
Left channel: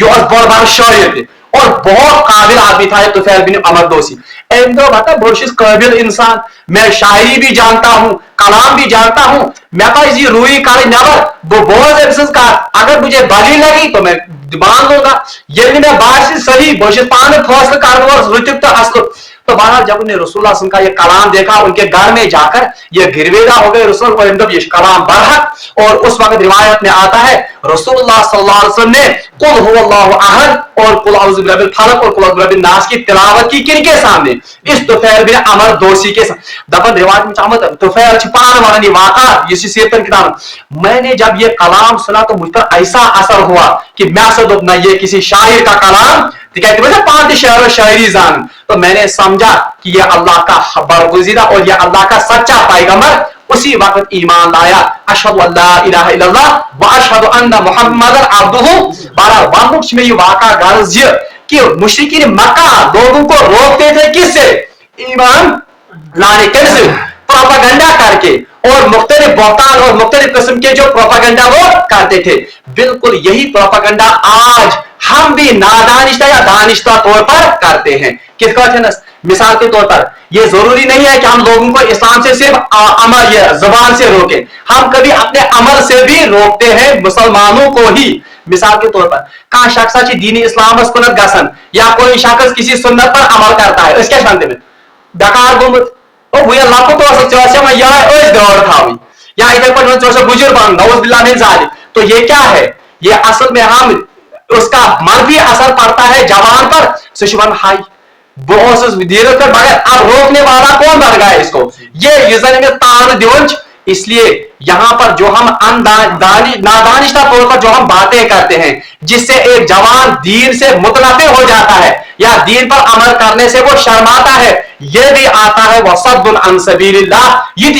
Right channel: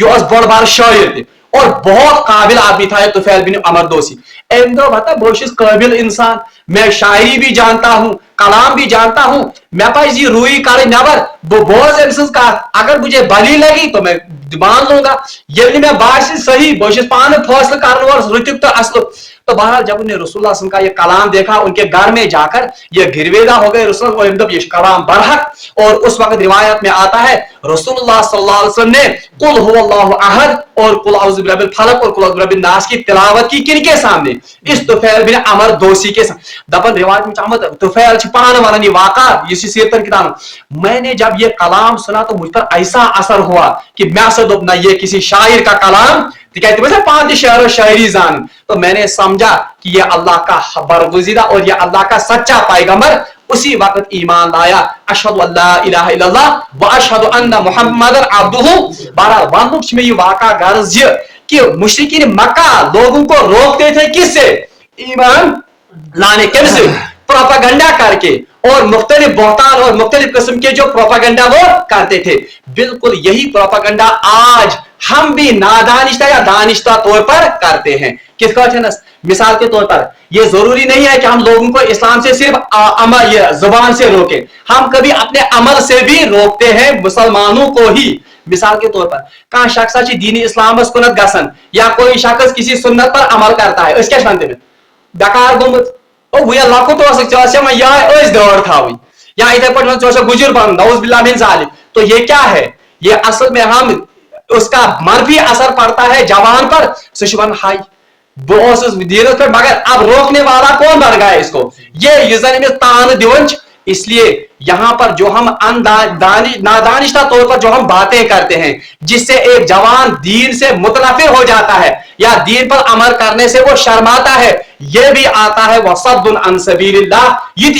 यह बड़ बार शायर और बहुत काबिल आदमी था तुफैल बिन अमर दोसी। अम दो बता बहुत काबिल इंसान, मैं शायरी भी जानता हूँ कलाम भी जानता हूँ, मैं पास ये रुई काले नबर वो बहुत का अगर मुझे बली लगी तो मैं मान लूंगा, यदि मैं बाहर से सही बोश पान फौसल कर तो असल। तो बहरहाल जब उन्हें रसूलुल्लाह सल्लल्लाहु अलैहि वसल्लम का ये कलाम देखा उनके घर में जाकर ये गिरवेदा हो गए रसूल और ये कलाम बरहक। और उस वक्त रिवायत में आता है रसूलुल्लाह सल्लल्लाहु अलैहि वसल्लम ने कुल हुवल्लाहु अहद और कुल औज़ु बिरब्बिल फलक और कुल औज़ु बिरब्बिन नास की तिलावत की किनके सामने, इस तुफैल बिन अमर दोसी के दबन रिवायत में चाहत तुफैल छिपान वाली वाक़ा इसी सीरत किताब मैंने जब ये कलाम सुना तो मुझ पर ऐसा असर हुआ कि मैं सदुब ना ये किसी शायर का कलाम पांच शेर और शायरी जान। तो मैंने समझा कि यह अल्लाह का बरगुज़ीदा और यह अल्लाह का सच्चा पैगंबर उसी वक्त ईमान लाया, अशहदु अल्ला इलाहा इल्लल्लाह व अशहदु अन्ना मुहम्मदन अब्दुहु। बहरहाल वनुक में ये वाक़ा गर्ज कि मुशरिकीन मक्का लोगों को रोकते थे किससे? ईमान लाने के, प्रोपागंडा करके, और मुख्तलिफ बहतान और मुख्तलिफ किस्म के जो प्रोपागंडा वो करते थे। बिल्कुल यही प्रोपागंडा आज हम भी नादानिश्ता या दानिश्ता तौर पर करते हैं। किसका वजह? मिसाल के तौर पर ये जरूरी नहीं है कि हम लोगों को इस्लाम से सिर्फ अमल या जुबान से रोकें, हम कभी अपने अमल से भी रोकते हैं मुसलमानों को ही। मिसाल के तौर पर कहा शख्स दीन इस्लाम कुनत गसन, या कोई शख्स किसी सुन्नत पर अमल करता है, इसके शांति में डकार गोमुत वो ये लकुत दौड़ था या इधे पर बुजुर्ग बन नौज बिल्लाह मिन जालिक। तो ये क्या है? ये असल में हम उसका मनफी असर पड़ता है जवान पर, सुशवन हाई मगर अब रोकने वाला कौन बन गया इसको? ये यूजर ने तान दिवंच। इसलिए यहां पर जो हम नादानिश्ता तौर पर जो हम बातें करते हैं जिससे एक जवान दीन से मुतनफिर हो जाता है या दीन पर अमल करने से वो शर्माता है, यह भी आता है वसद्दुन अन सबीलिल्लाह, ये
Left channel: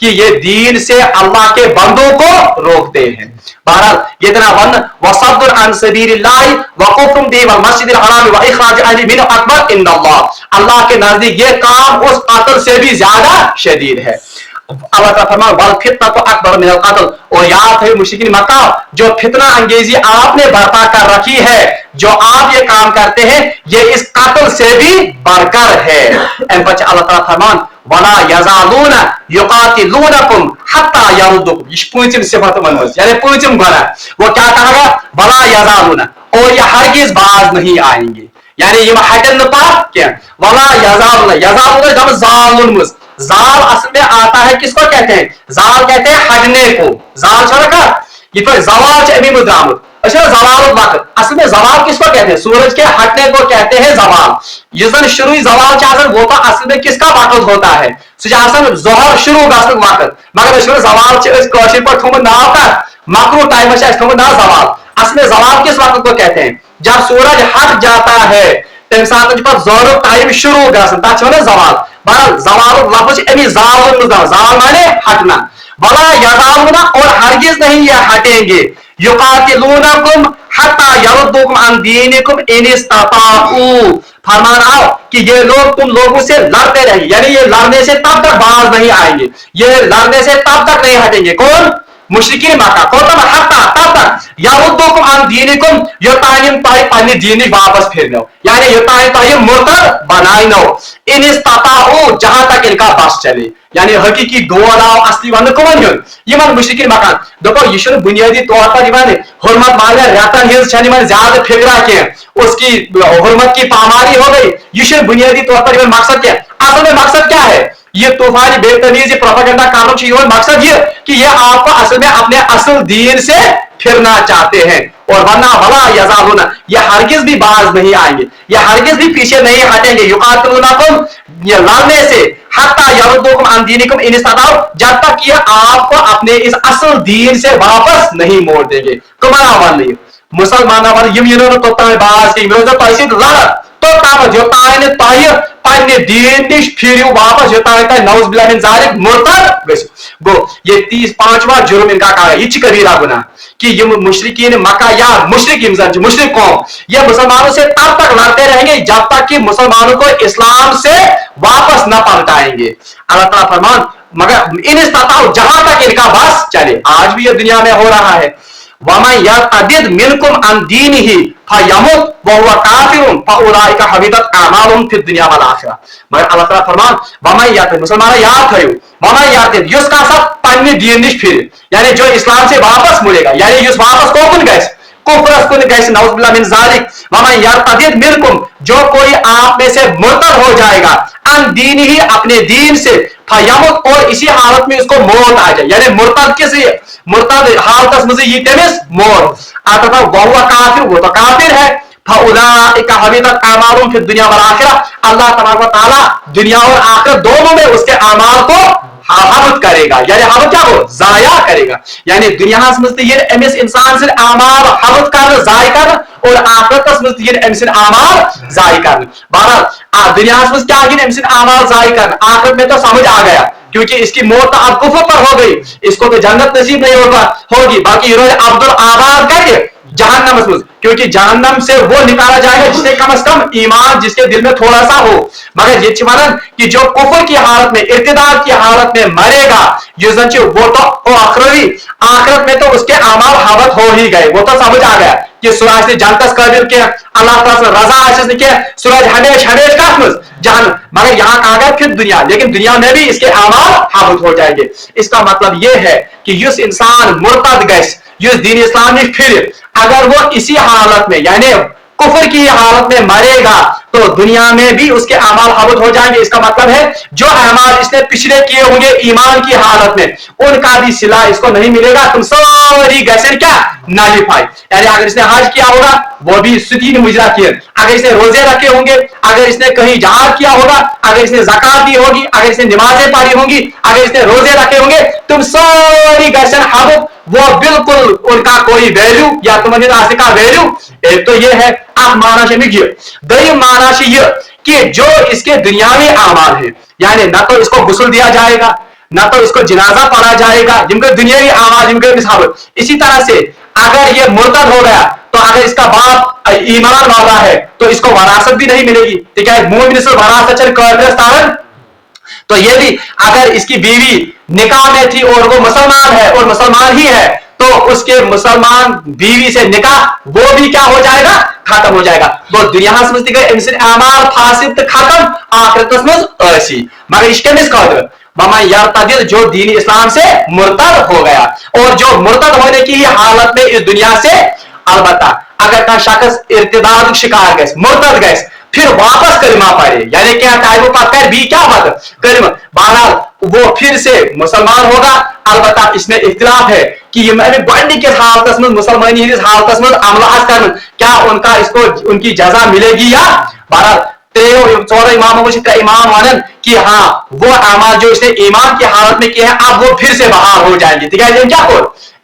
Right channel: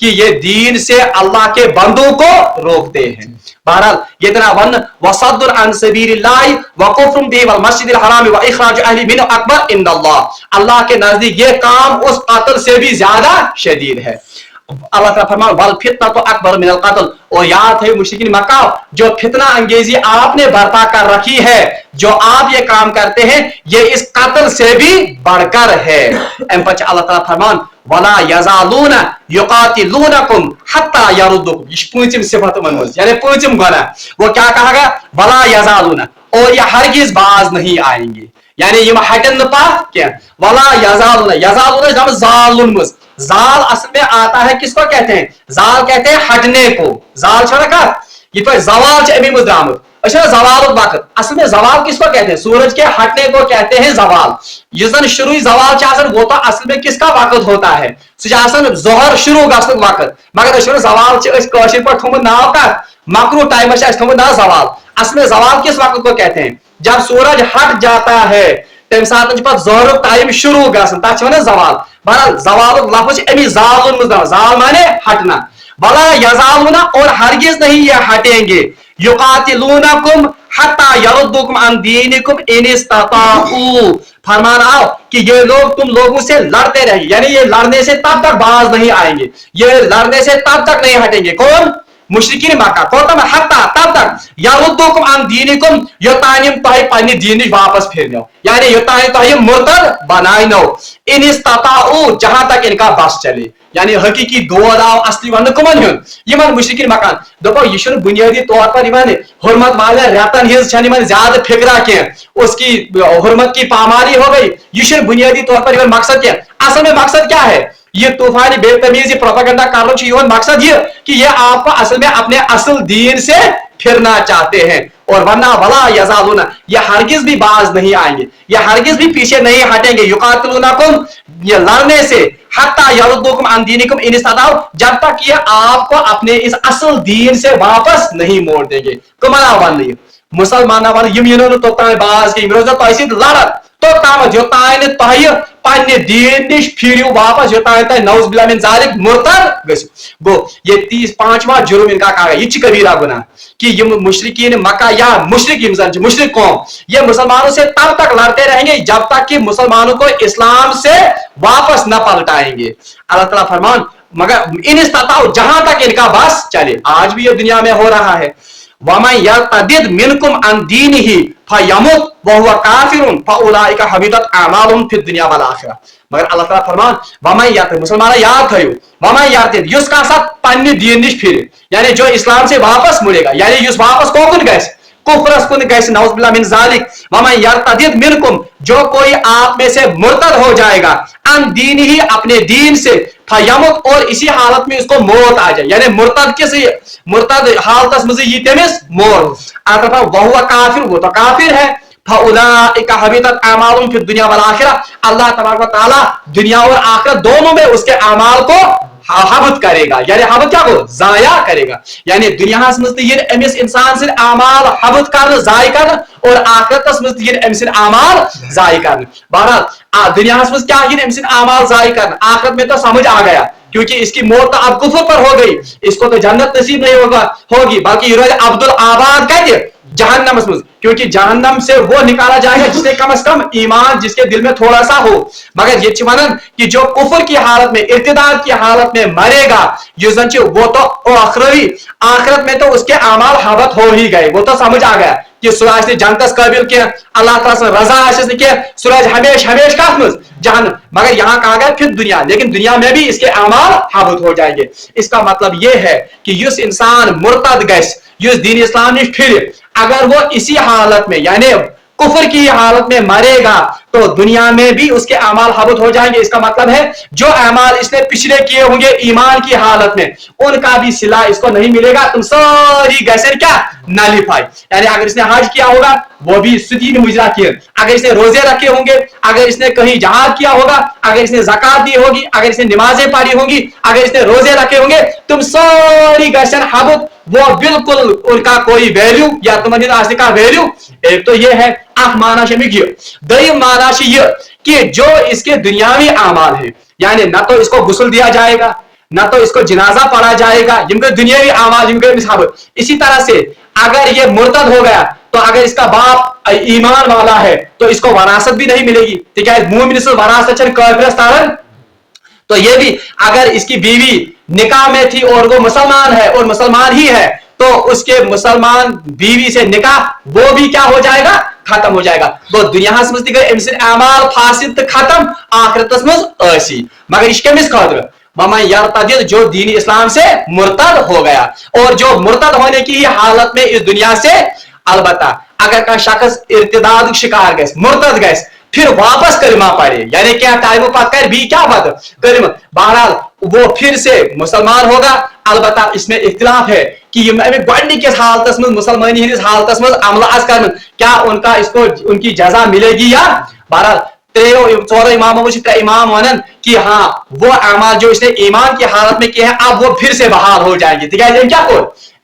कि ये दीन से अल्लाह के बंदों को रोकते हैं। बहरहाल ये तरह वन वसद्दुन अन सबीलिल्लाह व कुफ्रुम बिही वल मस्जिदिल हराम व इखराज अहली मिन्हु अकबर इंदल्लाह। अल्लाह के नजदीक ये काम उस कत्ल से भी ज्यादा शदीद है। अल्लाह ताला फरमाया वल फितनतु अकबर मिनल कत्ल, और याद है मुशरिकीन मक्का जो फितना अंगेजी आपने बर्पा कर रखी है, जो आप ये काम करते हैं, ये इस कत्ल से भी बढ़कर है। अल्लाह ताला फरमान वला यज़ालूना युकातिलूनकुम हत्ता यरुद्दुकुम, ये पूंचम सिफत मनमज यानी पूंचम गुना, वो क्या कहेगा? वला यज़ालूना, और ये हरगिज बाज नहीं आएंगे, यानी ये हटन पास क्या? वला यज़ालूना, यज़ालूना जब जालुन मुज, जाल असल में आता है किसको कहते हैं? जाल कहते हैं हटने को। जाल का ये पर जवाल अमी मुद्रामत, अच्छा जवाल वक्त, असल में जवाल किसको कहते हैं? सूरज के हटने को कहते हैं जवाल। ये शुरू जवाल चाहन वो तो असल में किसका वक्त होता है? सुजासन जोहर शुरू गसन वक्त, मगर जवाल पर थोम नाव का मकरू टाइम नाव जवाल। असल में जवाल किस वक्त को कहते हैं? जब सूरज हट जाता है तम सात जोर टाइम शुरू गसन तक जवाल। बहरहाल जवाल लफ्ज अमी जाल माने हटना। बला यज़ालूना, और हरगिज नहीं ये हटेंगे, युकातिलूनकुम हत्ता यरुद्दुकुम अन दीनिकुम इन इस्तताऊ, फरमान आओ कि ये लोग तुम लोगों से लड़ते रहेंगे, यानी ये लड़ने से तब तक बाज नहीं आएंगे, ये लड़ने से तब तक नहीं हटेंगे। कौन? मुशरिकीन मक्का। कौन? हत्ता तब तक यरुद्दुकुम अन दीनिकुम, यो तायम ताई पानी दीनी वापस फिरनो, यानी यो ताई मुर्तद बनाइनो, इन इस्तताऊ जहां तक इनका बस चले, यानी हकीकी दोलाव असली वन कमन है ये मन मुशरिकीन मकान। देखो ये बुनियादी तौर पर हुर्मत मांगना रतन हिज ज्यादा फिक्रा के उसकी हुर्मत की पामारी हो गई, ये बुनियादी तौर पर मकसद क्या? असल में मकसद क्या है? ये तूफानी बेतमीजी प्रोपेगेंडा कार्यों मकसद ये कि ये आपको असल में अपने असल दीन से फिरना चाहते हैं, और वरना वला यज़ालूना, ये हरगिज भी बाज नहीं आएंगे, ये हरगिज भी पीछे नहीं हटेंगे, युकातिलूनकुम, ये लड़ने से, हत्ता यरुद्दुकुम अन दीनिकुम इन इस्तताऊ, जब तक ये आपको अपने इस असल दीन से वापस नहीं मोड़ देंगे। तुम्हारा वन नहीं मुसलमान तो बाज की लड़ तो तामत योतान तय पन्ने दीन निश फिर वापस योतान तय नौज बिल्लाह मिन जालिक मुर्तद गो। ये 35वां जुर्म इनका कहा, ये कबीरा गुनाह कि ये मुशरिकीन मक्का या मुशरिक कौम ये मुसलमानों से तब तक लड़ते रहेंगे जब तक कि मुसलमानों को इस्लाम से वापस न पलटाएंगे। अल्लाह ताला फरमान मगर इन इस्तताऊ, जहां तक इनका बस चले। आज भी ये दुनिया में हो रहा है। वमन यर्तदिद मिनकुम अन दीनिही फयमुत वहुव काफिरुन फउलाइका हबितत अमालुहुम फिद दुनिया वल आखिरह। मगर अल्लाह ताला फरमान वमन यर्तदिद, मुसलमान याद थयो, वमन यर्तदिद युसका सब पन्ने दीन निश फिर, यानी जो इस्लाम से वापस मुड़ेगा, यानी युस वापस कोकुन गैस कुफरस कुन गैस नौज बिल्लाह मिन जालिक। वमन यर्तदिद मिनकुम, जो कोई आप में से मुर्तद हो जाएगा, अन दीनिही, अपने दीन से, फयमुत, और इसी हालत में उसको मौत आ जाए, यानी मुर्तद किस मुर्तद हालत में ये तेमिस मौत आता वहुव काफिर, वो तो काफिर है। फउलाइका हबितत अमालुहुम फिद दुनिया वल आखिरह, अल्लाह तबारक व तआला दुनिया और आखिरत दोनों में उसके अमाल को हबत करेगा, यानी हबत क्या हो जाया करेगा, यानी दुनिया अमिस इंसान से अमाल हबत कर जाय कर, और आखिरत अमिस अमाल जाय कर। बहरहाल दुनिया क्या अमिस अमाल जाय कर, आखिरत में तो समझ आ गया क्योंकि इसकी मौत तो अब कुफर पर हो गई, इसको तो जन्नत नसीब नहीं होगी, बल्कि अब्दुल आबाद कहते जहन्नम मज, क्योंकि जहन्नम से वो निकाला जाएगा जिससे कम से कम ईमान जिसके दिल में थोड़ा सा हो। मगर ये वनन कि जो कुफर की हालत में, इर्तिदाद की हालत में मरेगा, वो तो आखिरत में तो उसके अमाल हबत हो ही गए। वो तो समझ आ गया कि सूरज जनतस काबिल के अल्लाह ताला रजा के सूरज हमेश हमेश का जहन्नम। मगर यहाँ कहा गया फिर दुनिया, लेकिन दुनिया में भी इसके अमाल हबत हो जाएंगे। इसका मतलब यह है कि युस इंसान मुर्तद गैस युस दीन इस्लामी फिर अगर वो इसी हालत में यानी कुफर की हालत में मरेगा तो दुनिया में भी उसके अमाल हबत हो जाएंगे। इसका मतलब है जो अमाल इसने पिछले किए होंगे ईमान की हालत में, उनका भी सिला इसको नहीं मिलेगा। तुम सारी गैसें क्या नालिफाई, यानी अगर इसने हज किया होगा वो भी सुदीन मुजरा किए, अगर इसने रोजे रखे होंगे, अगर इसने कहीं जहाद किया होगा, अगर इसने ज़कात दी होगी, अगर इसने नमाजें पढ़ी होंगी, अगर इसने रोजे रखे होंगे, तुम सारी गैसें हबत, वो बिल्कुल उनका कोई वैल्यू या तुम्हारे रास्ते का वैल्यू। एक तो ये है आप माना दई माना कि जो इसके दुनियावी आमाल है, यानी ना तो इसको गुस्ल दिया जाएगा, ना तो इसको जनाजा पढ़ा जाएगा, जिनके दुनियावी आमाल जिनके मिसाल। इसी तरह से अगर ये मुर्तद हो गया तो अगर इसका बाप ईमान वाला है तो इसको वरासत भी नहीं मिलेगी, ठीक है, मोमिन से वरासत। तो ये भी अगर इसकी बीवी निकाह में थी और वो मुसलमान है और मुसलमान ही है तो उसके मुसलमान बीवी से निकाह वो भी क्या हो जाएगा, खत्म हो जाएगा। वो दुनिया समझती गए अमाल फासिद खत्म आखिरत में। मगर इसके यार जो दीन इस्लाम से मुर्तद हो गया और जो मुर्तद होने की हालत में इस दुनिया से, अलबत्ता अगर का शख्स इर्तिदाद शिकार गए, मुर्तद गए, फिर वापस कलिमा पढ़े, यानी क्या ताइबो पढ़कर भी क्या बात कलिमा, बहरहाल वो फिर से मुसलमान होगा। अलबत्ता इसमें इख्तिलाफ है कि ये बढ़ने के हालत में मुसलमानी हालत में अमल कर क्या उनका इसको उनकी जजा मिलेगी या। बहरहाल 13 इमामों का इमाम मानन कि हाँ वो अमाल जो इसने ईमान की हालत में किए हैं अब वो फिर से बहाल हो जाएंगे, ठीक है। क्या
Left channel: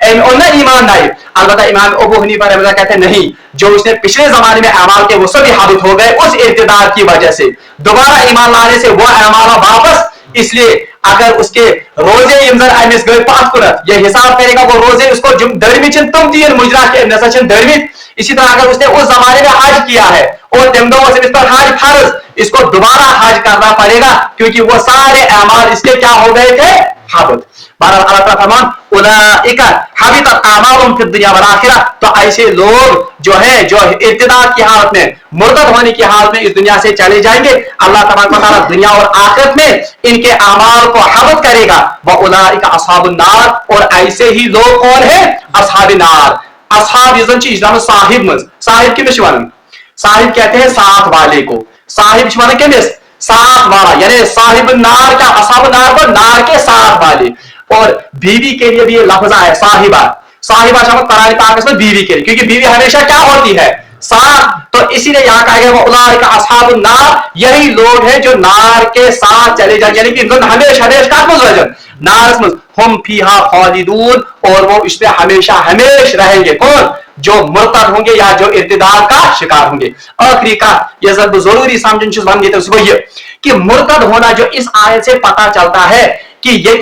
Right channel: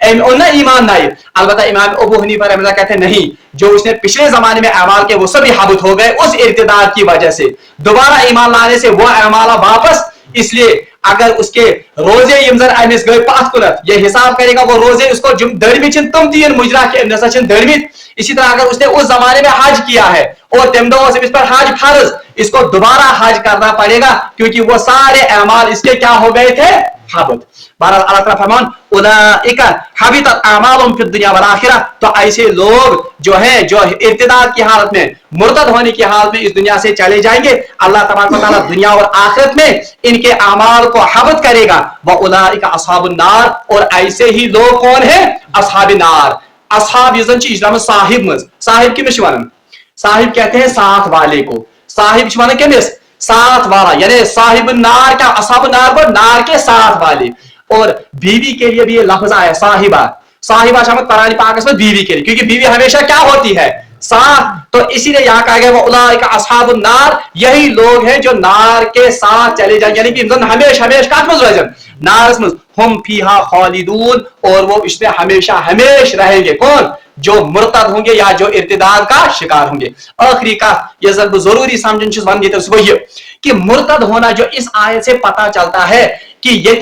ईमान नहीं, अलबत्ता इमाम अबू हनीफा रहमतुल्लाह कहते हैं नहीं, जो उसने पिछले जमाने में अमाल के वो सभी हाबित हो गए उस इर्तिदाद की वजह से, दोबारा ईमान लाने से वो अमाल वापस। इसलिए अगर उसके रोजे यमजन अमिस गए पात कुनत, ये हिसाब करेगा वो रोजे उसको दरमी तुम तीन मुजरा के नसचन दरमी। इसी तरह अगर उसने उस जमाने में हज किया है और तिमदो से इस पर हज फर्ज, इसको दोबारा हज करना पड़ेगा क्योंकि वो सारे अमाल इसके क्या हो गए थे, हाबित। बहरहाल अल्लाह ताला फरमान उलाइका हबितत अमालुहुम फिद दुनिया वल आखिरह, तो ऐसे लोग जो है जो इर्तिदाद की हालत में, मुर्तद होने की हालत में इस दुनिया से चले जाएंगे। अल्लाह तबारक व तआला दुनिया और आखिरत में इनके अमाल को हबत करेगा। व उलाइका अस्हाबुन नार, और ऐसे ही लोग कौन है, अस्हाबुन नार। अस्हाब यजन ची इस्लाम साहिब मज, साहिब के मिशवान, साहिब कहते हैं साथ वाले को, साहिब मिशवान के मिस साथ वाला, यानी साहिब नार क्या, अस्हाब नार को नार के साथ वाले। और बीवी के लिए भी ये लफ्ज है साहिबा, साहिबा शब्द कुरान पाक में बीवी के लिए, क्योंकि बीवी हमेशा क्या होती है, साथ। तो इसीलिए यहाँ कहा गया वो उलाइका अस्हाबुन नार, यही लोग हैं जो नार के साथ चले जाएंगे, यानी कि हमेशा हमेशा नार में हम फीहा खालिदून, और वो इसमें हमेशा हमेशा रहेंगे। कौन, जो मुर्तद होंगे या जो इर्तिदाद का शिकार होंगे। आखिरी का ये जरूरी समझने तो ये कि मुर्तद होना जो इस आयत से पता चलता है कि ये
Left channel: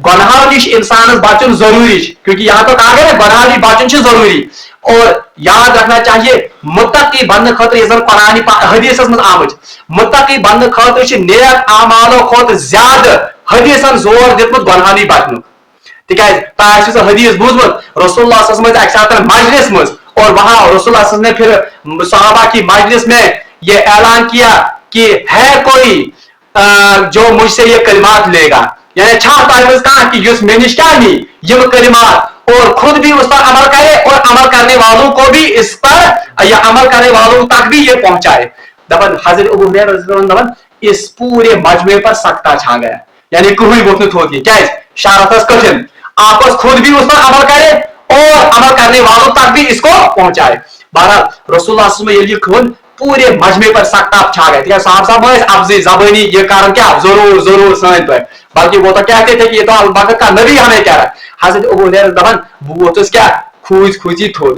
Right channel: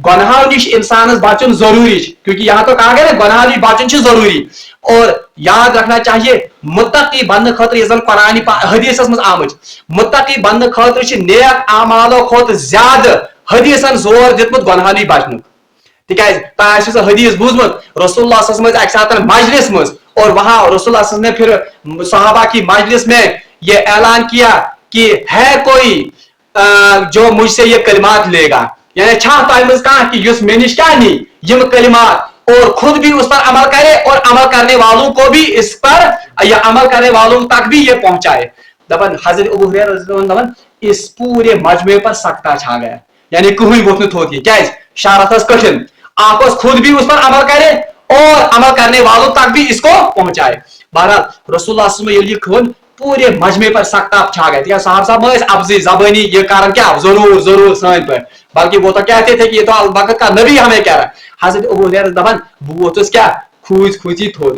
गुनाह निश इंसान बचन जरूरी, क्योंकि यहाँ तो कहा गया गुनाह बचन जरूरी। और याद रखना चाहिए मुत्तकी बंद खतर कुरान हदीस में आमज, मुत्तकी बंद खतर नेक अमालो खोत ज्यादा हदीसन जोर दितमुत गुनाह बचन। तिकाज हदीस बूझमुत रसूलुल्लाह मजलिस मज, और वहां रसूलुल्लाह ने फिर सहाबा की मजलिस में ये ऐलान किया कि है कोई जो मुझसे ये कलिमात लेगा, यानी कहा कि युस मेनिश क्या नहीं ये कलिमात, और खुद भी उस पर अमल करे और अमल करने वालों को भी इस पर या अमल करने वालों तक भी ये पहुंचाए। दबन हजरत अबू हुरैरा इस पूरे मजमे पर सख्ता छा गया, यानी कोई वक्त होती क्या शारत कठिन, आप खुद भी उस पर अमल करे और अमल करने वालों तक भी इसको पहुंचाए। बहरहाल रसूलुल्लाह पूरे मजमे पर सख्त छा गए, साहब अफजी जबानी ये कारण क्या जरूर जरूर सन पर, बल्कि वो तो कहते थे कि ये तो वक्त का नबी हमें कह रहा है। हजरत अबू हुरैरा दबन वो तो क्या खूज खूजी थोड़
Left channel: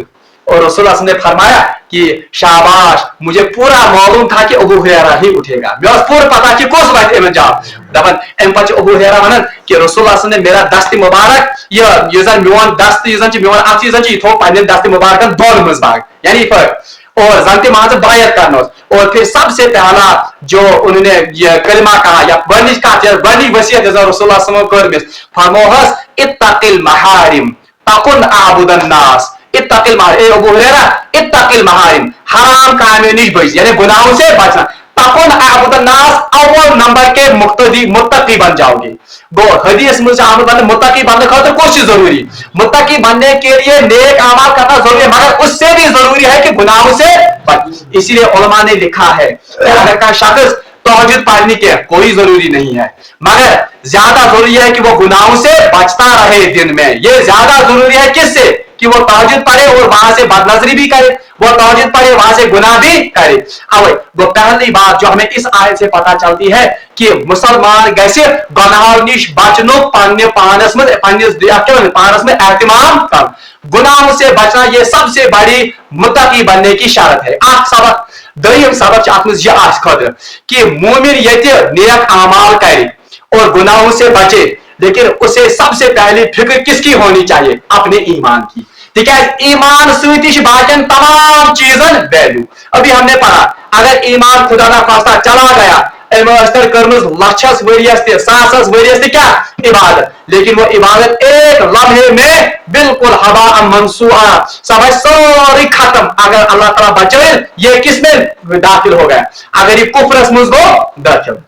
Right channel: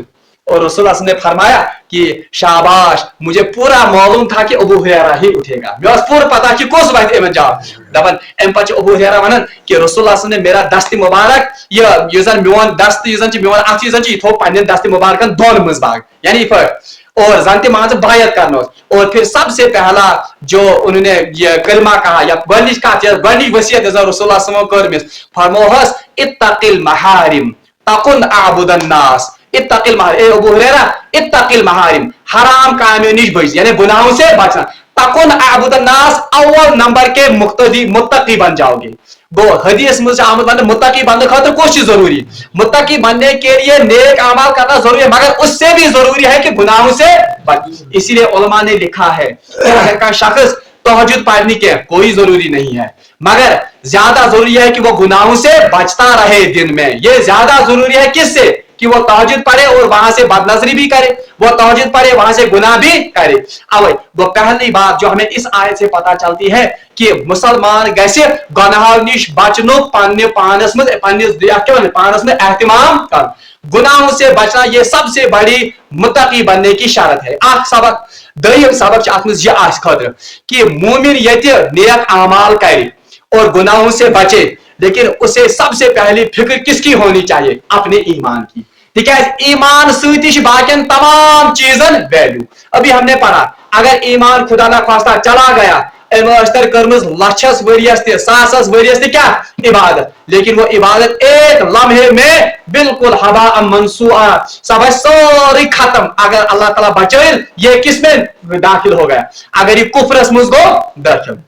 और रसूल ने फरमाया कि शाबाश, मुझे पूरा मालूम था कि अबू हुरैरा ही उठेगा, मे पूरा पता कि कस वत अम जवाब दपान अम पे अबू हुरैरा वन कि रसूल ने मेरा दस्त मुबारक ये मोन दस्त मोन अथ यह थो पे दस्त मुबारक दोन मज भाग यानी फर्क और जन मान बायत करना और फिर सबसे पहला जो उन्होंने ये कलमा कहा या बड़ी बड़ी वसीयत रसूल कर फरमोहस इत्तकिल महारिम तकुन आबुदन नास इत्तकिल महारिम अबू हुरैरा इत्तकिल महारिम हराम कामों निश बच यानी गुनाहों से बचना तकुन आबुदन नास अव्वल नंबर के मुत्तकी बन जाओगे। गो हदीस में आमद बनने मुत्तकी बनने खातिर कुछ जरूरी मुत्तकी बनने के लिए नेक अमाल करना जरूरी है मगर उससे भी जरूरी है कि गुनाहों से बच। इसीलिए उलमा ने लिखा है कि अगर का शख्स तहज्जुद पढ़ने के कोई जरूरी नहीं है मगर ज्यादा जरूरी है कि वो गुनाहों से बचता रहे दिन में। ये ज्यादा जरूरी है किससे कि वो तहज्जुद पढ़े और वहां से बदनजरी भी करे, वो तहज्जुद पढ़े वहां से गुनाह भी करे। अब वो पहली बात जो हमें इस आयत से पता चलती है कि मुसलमान गैसे गुनाहों निश बचनो पाने पानस में पानस में एहतिमाम कर गुनाहों से बचना ये सबसे बड़ी मुत्तकी बनने की शर्त है। आख सबक दयम सबक अत मज यह खतर कि मोमिन यति नेक अमाल करे और गुनाहों से बचे लेकिन उसे सबसे पहली फिक्र किसकी होनी चाहिए? अपने ईमान की। ठीक है, ईमान सूती बाकिन तमाम चीजन वैल्यू। अभी हमने पढ़ा अगर ईमान खुदा ना खास्ता चला गया कर्मज लक्षस वरियस सासस वरियस क्या इबादत, लेकिन वो इबादत एक लम्हे में बिल्कुल हवा मंसूआ सब सारी खत्म। अगर अल्लाह ताला बचाए ये किसमें दाखिल हो गया? अगर ये कुफ्रस मुझ को दाखिल।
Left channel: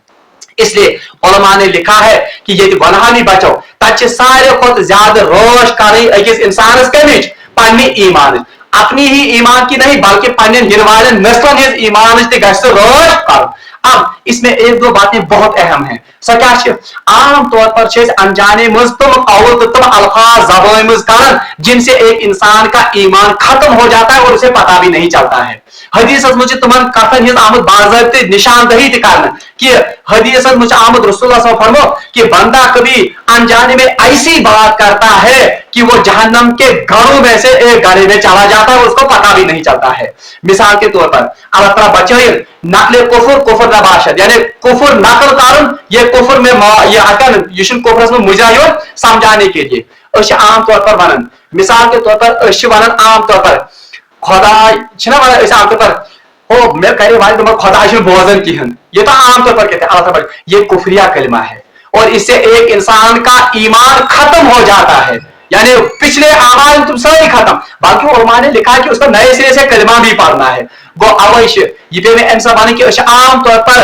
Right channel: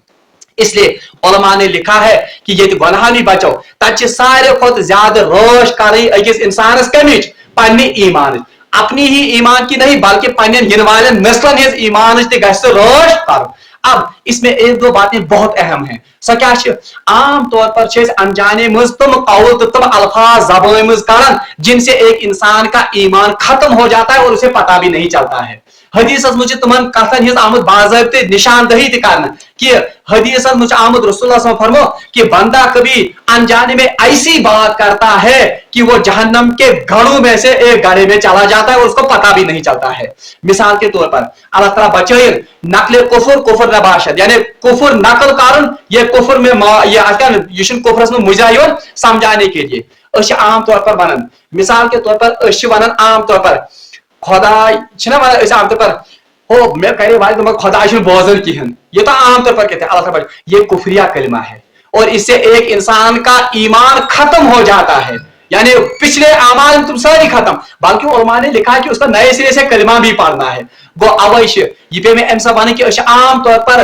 इसलिए उलमा ने लिखा है कि ये गुनाह नहीं बचाओ तब सारे खुद ज्यादा रोश करें अकिस इंसानस कमिच पन्नी ईमान अपनी ही ईमान की नहीं बल्कि पन्ने गिनवान नस्लन हिज ईमान रोश कर। अब इसमें एक दो बातें बहुत अहम हैं। सो क्या आम तौर पर अनजाने मज तुम कौल तो तुम अल्फाज ज़बान मज करन जिनसे एक इंसान का ईमान खत्म हो जाता है और उसे पता भी नहीं चलता है। हदीस मुझे तुमन कथन हिज आमद बाज़ाब्ते निशानदही करना कि हदीस मुझे आमद रसूलुल्लाह सल्लल्लाहु अलैहि वसल्लम फरमाओ कि बंदा कभी अनजाने में ऐसी बात करता है कि वो जहन्नम के घरों में से एक घड़े में चला जाता है और उसको पता भी नहीं चलता है। मिसाल के तौर पर अल्लाह ताला बचाए नकल कुफर नबाशत यानी कुफर नकल कारण ये कुफर में ये अकन यह कुफरस में मुजाहिर समझाने के लिए आम तौर पर वन मिसाल के तौर पर वन आम तौर पर खुदा आम तौर पर ओ मे करे वाले तुम खुदा बोजन किहन ये तो आम तौर पर कहते हैं अल्लाह ये कुफरिया कलमा है और इससे एक इंसान का ईमान खत्म हो जाता है यानी पिछले आमाल तुम सारी खत्म। बाकी उलमा ने लिखा कि उसका नए सिरे से कलमा भी पढ़ना है। गो अवश्य ये पे में ऐसा बने कि आम तौर पर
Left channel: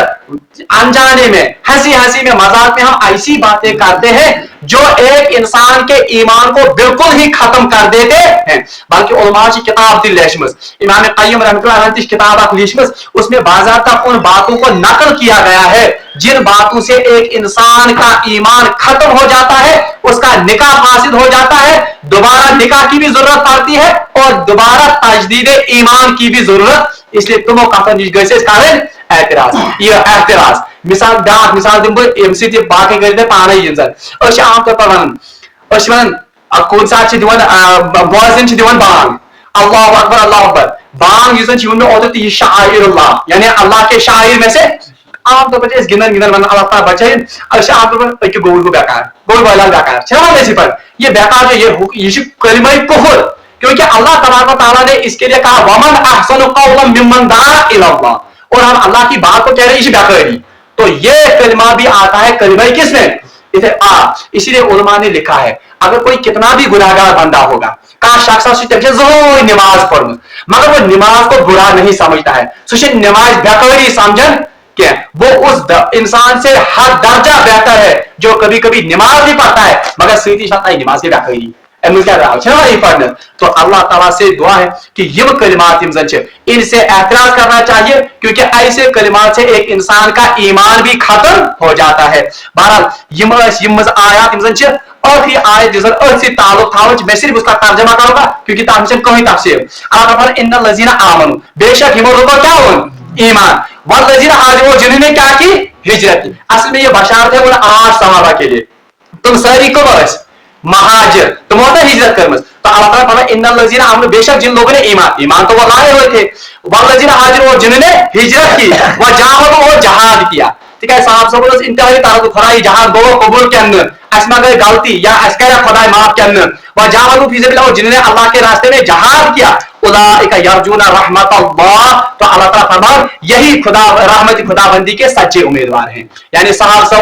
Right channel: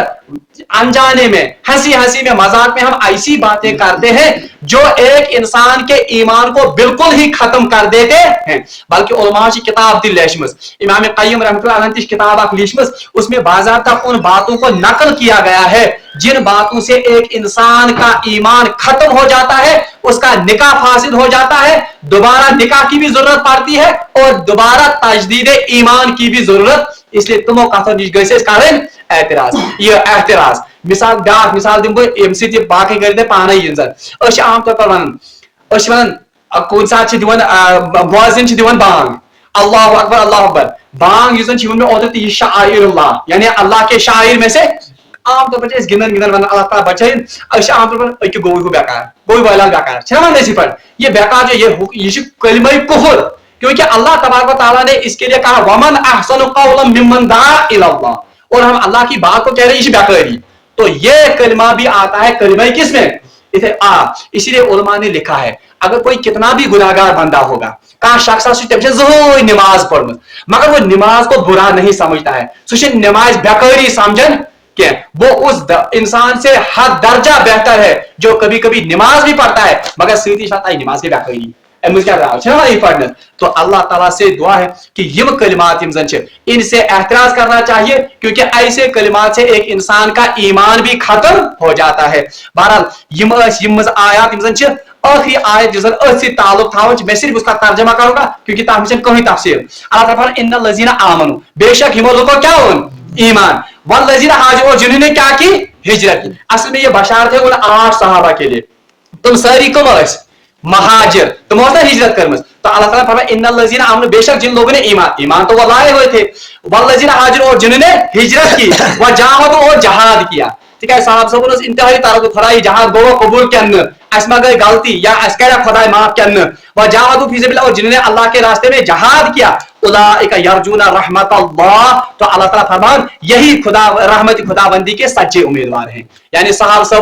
अनजाने में हंसी हंसी में मजाक में हम ऐसी बातें करते हैं जो एक इंसान के ईमान को बिल्कुल ही खत्म कर देते हैं। बल्कि उलमा की किताब थी लेशमस इमाम क़य्यिम रहमतुल्लाह अलैह की किताब आप लेशमस उसमें बाज़ाब्ता उन बातों को नकल किया गया है जिन बातों से एक इंसान का ईमान खत्म हो जाता है, उसका निकाह फासिद हो जाता है, दोबारा निकाह की भी जरूरत पड़ती है और दोबारा तजदीद ईमान की भी जरूरत। इसलिए तुम कारण एतराज मिसाल ब्याह मिसाल दिम बाकी कर पान आम तौर पर वन कुन सात बोजिन बांग अल्लाह अकबर बांग मे ओत शाइरुल्लाह यानी अल्लाह के शायर में से आम तौर पर गिनन गिनन वन अल्लाह ताला बचाए आम तौर पर अक्की गोल को बेकार गोल वाला बेकार छे पर ये बेकार जो ये कलिमा कुफर क्योंकि अल्लाह तबारक तआला ने इसके लिए कहा वमन अहसनु कौलन मिम्मन दआ इलल्लाह और हम अल्लाह की बात को कह रहे हैं इसे बेकारी तो ये कलिमा भी आता है कलिमा किसमें इसे इसीलिए उलमा ने लिखा है अगर कोई कितना भी गुनाहगार बंदा होगा का शख्स जरूर नमाज पढ़ मगर वो नमाज को बुरा नहीं समझता है सुशे नमाज बेकारी समझन क्या वो उस इंसान से हर दर्जा बेहतर है जो कभी कभी नमाज भी पढ़ता है मगर सीधी शादी नमाज की बेकारी तो अल्लाह ताला से दुआ है कि ये कलिमात इनसे एतराज करना चाहिए क्योंकि ऐसे कलिमात से एक इंसान का ईमान भी खत्म हो जाता है। बहरहाल आयात आखिरी आयत जिस ताल्लुक था मैं सिर्फ उसका तर्जमा करूंगा क्योंकि कहीं तफसीर अल्लाह इन्नल लज़ीना आमनू बेशक हिमो लोगों क्या हो ईमान वल लज़ीना हाजरू जिन्होंने क्या की हिजरत की। असल में ये बशारत है उन 8 सहाबा के लिए तुम सारी को महाजिर तुम होता हिजरत कर तो तो अल्लाह ताला फरमाया इन्नल लजीना आमनु, बेशक जिन लोगों ने ईमान तो वो लाए हुए थे, वल्लजीना हाजिर, और जिन्होंने हिजरत की, व जाहदू, और जहाद किया। ठीक है, साहब सब इंतहाई तारक खुदा जहां दो कबूल के अंदर असमा गई गलती या अस्करा खुदा माफ के अंदर, व जाहदू फी सबिलिल्लाह, और जिन्होंने अल्लाह के रास्ते में जहाद किया, उलाइका यरजूना रहमत अल्लाह, तो अल्लाह ताला फरमान यही खुदा रहमत खुदाबंदी के सच्चे उम्मीदवार हैं। यानी साहब सब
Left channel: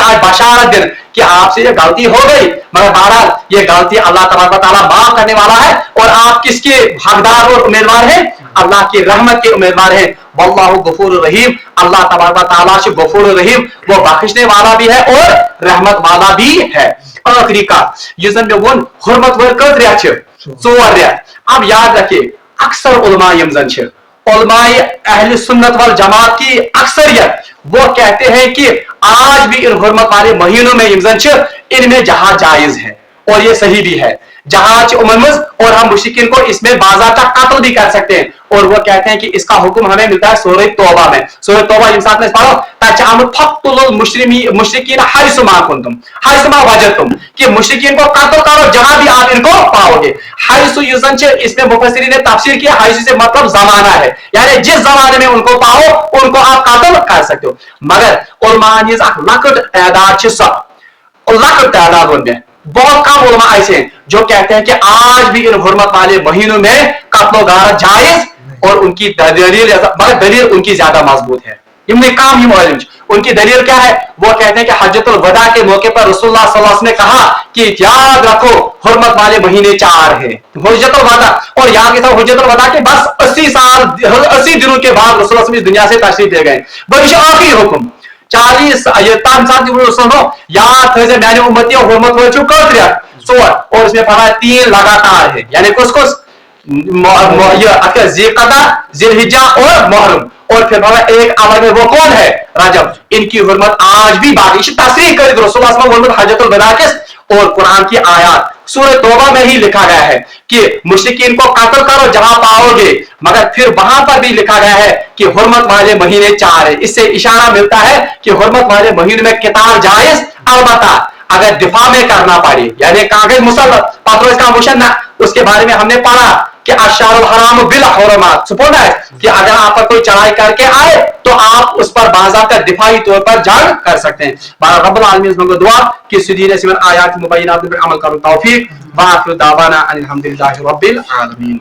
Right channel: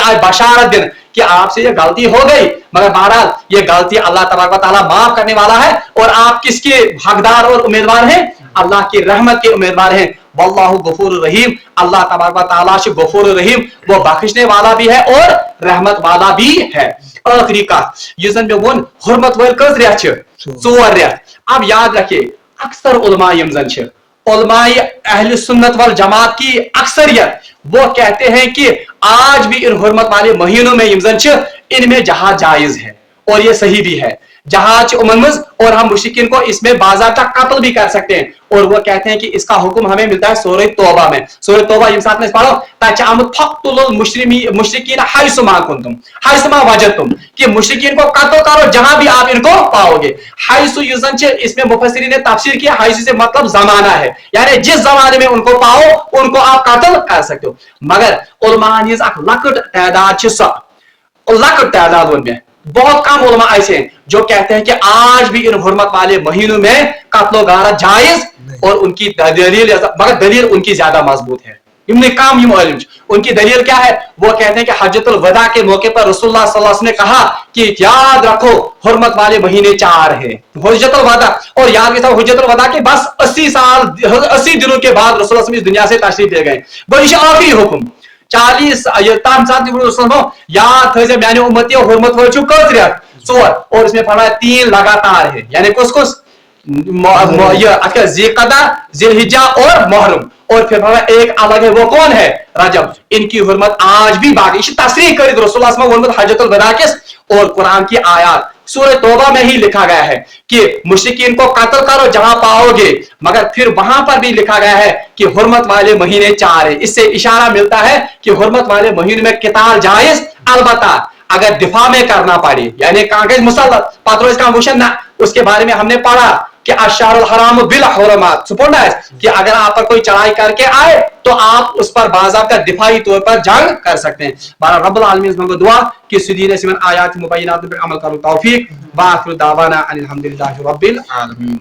आज बशारत दिन कि आपसे ये गलती हो गई, मगर बहरहाल ये गलती अल्लाह तबारक व तआला माफ करने वाला है, और आप किसके हकदार और उम्मीदवार हैं? अल्लाह की रहमत के उम्मीदवार हैं। वल्लाहु गफूरुर रहीम, अल्लाह तबारक व तआला से गफूरुर रहीम, वो बख्शने वाला भी है और रहमत वाला भी है। आखिरी का युजन में वो हुर्मत वर कत रेत छ, 4 रेत। अब याद रखिए, अक्सर उलमा यमजन छ, उलमाए अहले सुन्नत वल जमात की अक्सरियत वो कहते हैं कि आज भी इन हुर्मत वाले महीनों में यमजन छ, इनमें जहाज जायज है, और ये सही भी है जहाज उमनमज, और हम मुश्रिकीन को इसमें बाज़ाब्ता कत्ल भी कर सकते हैं। और वो कहते हैं कि इसका हुक्म हमें मिलता है सूरह तौबा में। सूरह तौबा इंसान में पढ़ो, ताचामुत फक्तुल मुश्रिकीन हैसुमा कुंतुम हैसुमा वजदतुम, कि मुश्रिकीन को कत्ल करो जहां भी आप इनको पाओगे। हैसु युजन छ, इसमें मुफस्सिरीन ने तफसीर किया, हैसु से मतलब जमाना है, यानी जिस जमाने में उनको पाओ उनको आप कत्ल कर सकते हो। मगर उलमा ने लकट तादाद छ, सब लकट तादाद में बहुत कम उलमा ऐसे हैं जो कहते हैं कि आज भी इन हुर्मत वाले महीनों में कत्ल गारत जायज, और उनकी दलील, मगर दलील उनकी ज्यादा मजबूत है। इब्न काम उनकी दलील क्या है? वो कहते हैं कि हज्जतुल वदा के मौके पर रसूलुल्लाह सल्लल्लाहु अलैहि वसल्लम ने कहा कि याद रखो हुर्मत वाले महीने 4 हैं, हज्जतुल वदा, और याद रखो हज्जतुल वदा के बस 80 दिनों के बाद रसूलुल्लाह सल्लल्लाहु अलैहि वसल्लम इस दुनिया से तशरीफ ले गए। भविष्य आखिरी हुक्म 40 याद थे मैंने उम्मती हुर्मत वाले कत रेत 4, और इसमें पढ़ा 3 लगातार है, यानी कुछ ज़िलक़दा, ज़िलहिज्जा और मुहर्रम, और फिर एक अलग है, वो कौन है? रजब। इनकी हुर्मत आज भी बाकी तस्रीह कर रसूलुल्लाह सल्लल्लाहु अलैहि वसल्लम हज्जतुल वदा के, और कुरान की आयत सूरह तौबा में ही लिखा गया है कि मुश्रिकीन को कत्ल करो जहां पाओगे, मगर फिर वहां पर भी लिखा गया है कि हुर्मत वाले महीने 4 है। इससे इशारा मिलता है कि हुर्मत वाले महीने में किताल जायज, अलबत्ता अगर दिफा में करना पड़े, यानी कागज मुसल्लत पत्रों का मुशन ना, उसके बारे में हमने पढ़ा कि अशहरुल हराम बिल हुरमात, सुपौना है कि अगर आप पर कोई चढ़ाई करके आए तो आप उस पर बाज़ाब्ता दिफाई तौर पर जंग कर सकते हैं। बारह रब्बुल आलमीन से दुआ कि सुदीन सिमन आयात मुबय्यनात पर अमल करो, तौफीक। व आखिरु दावाना अनिल हम्दुलिल्लाहि रब्बिल आलमीन।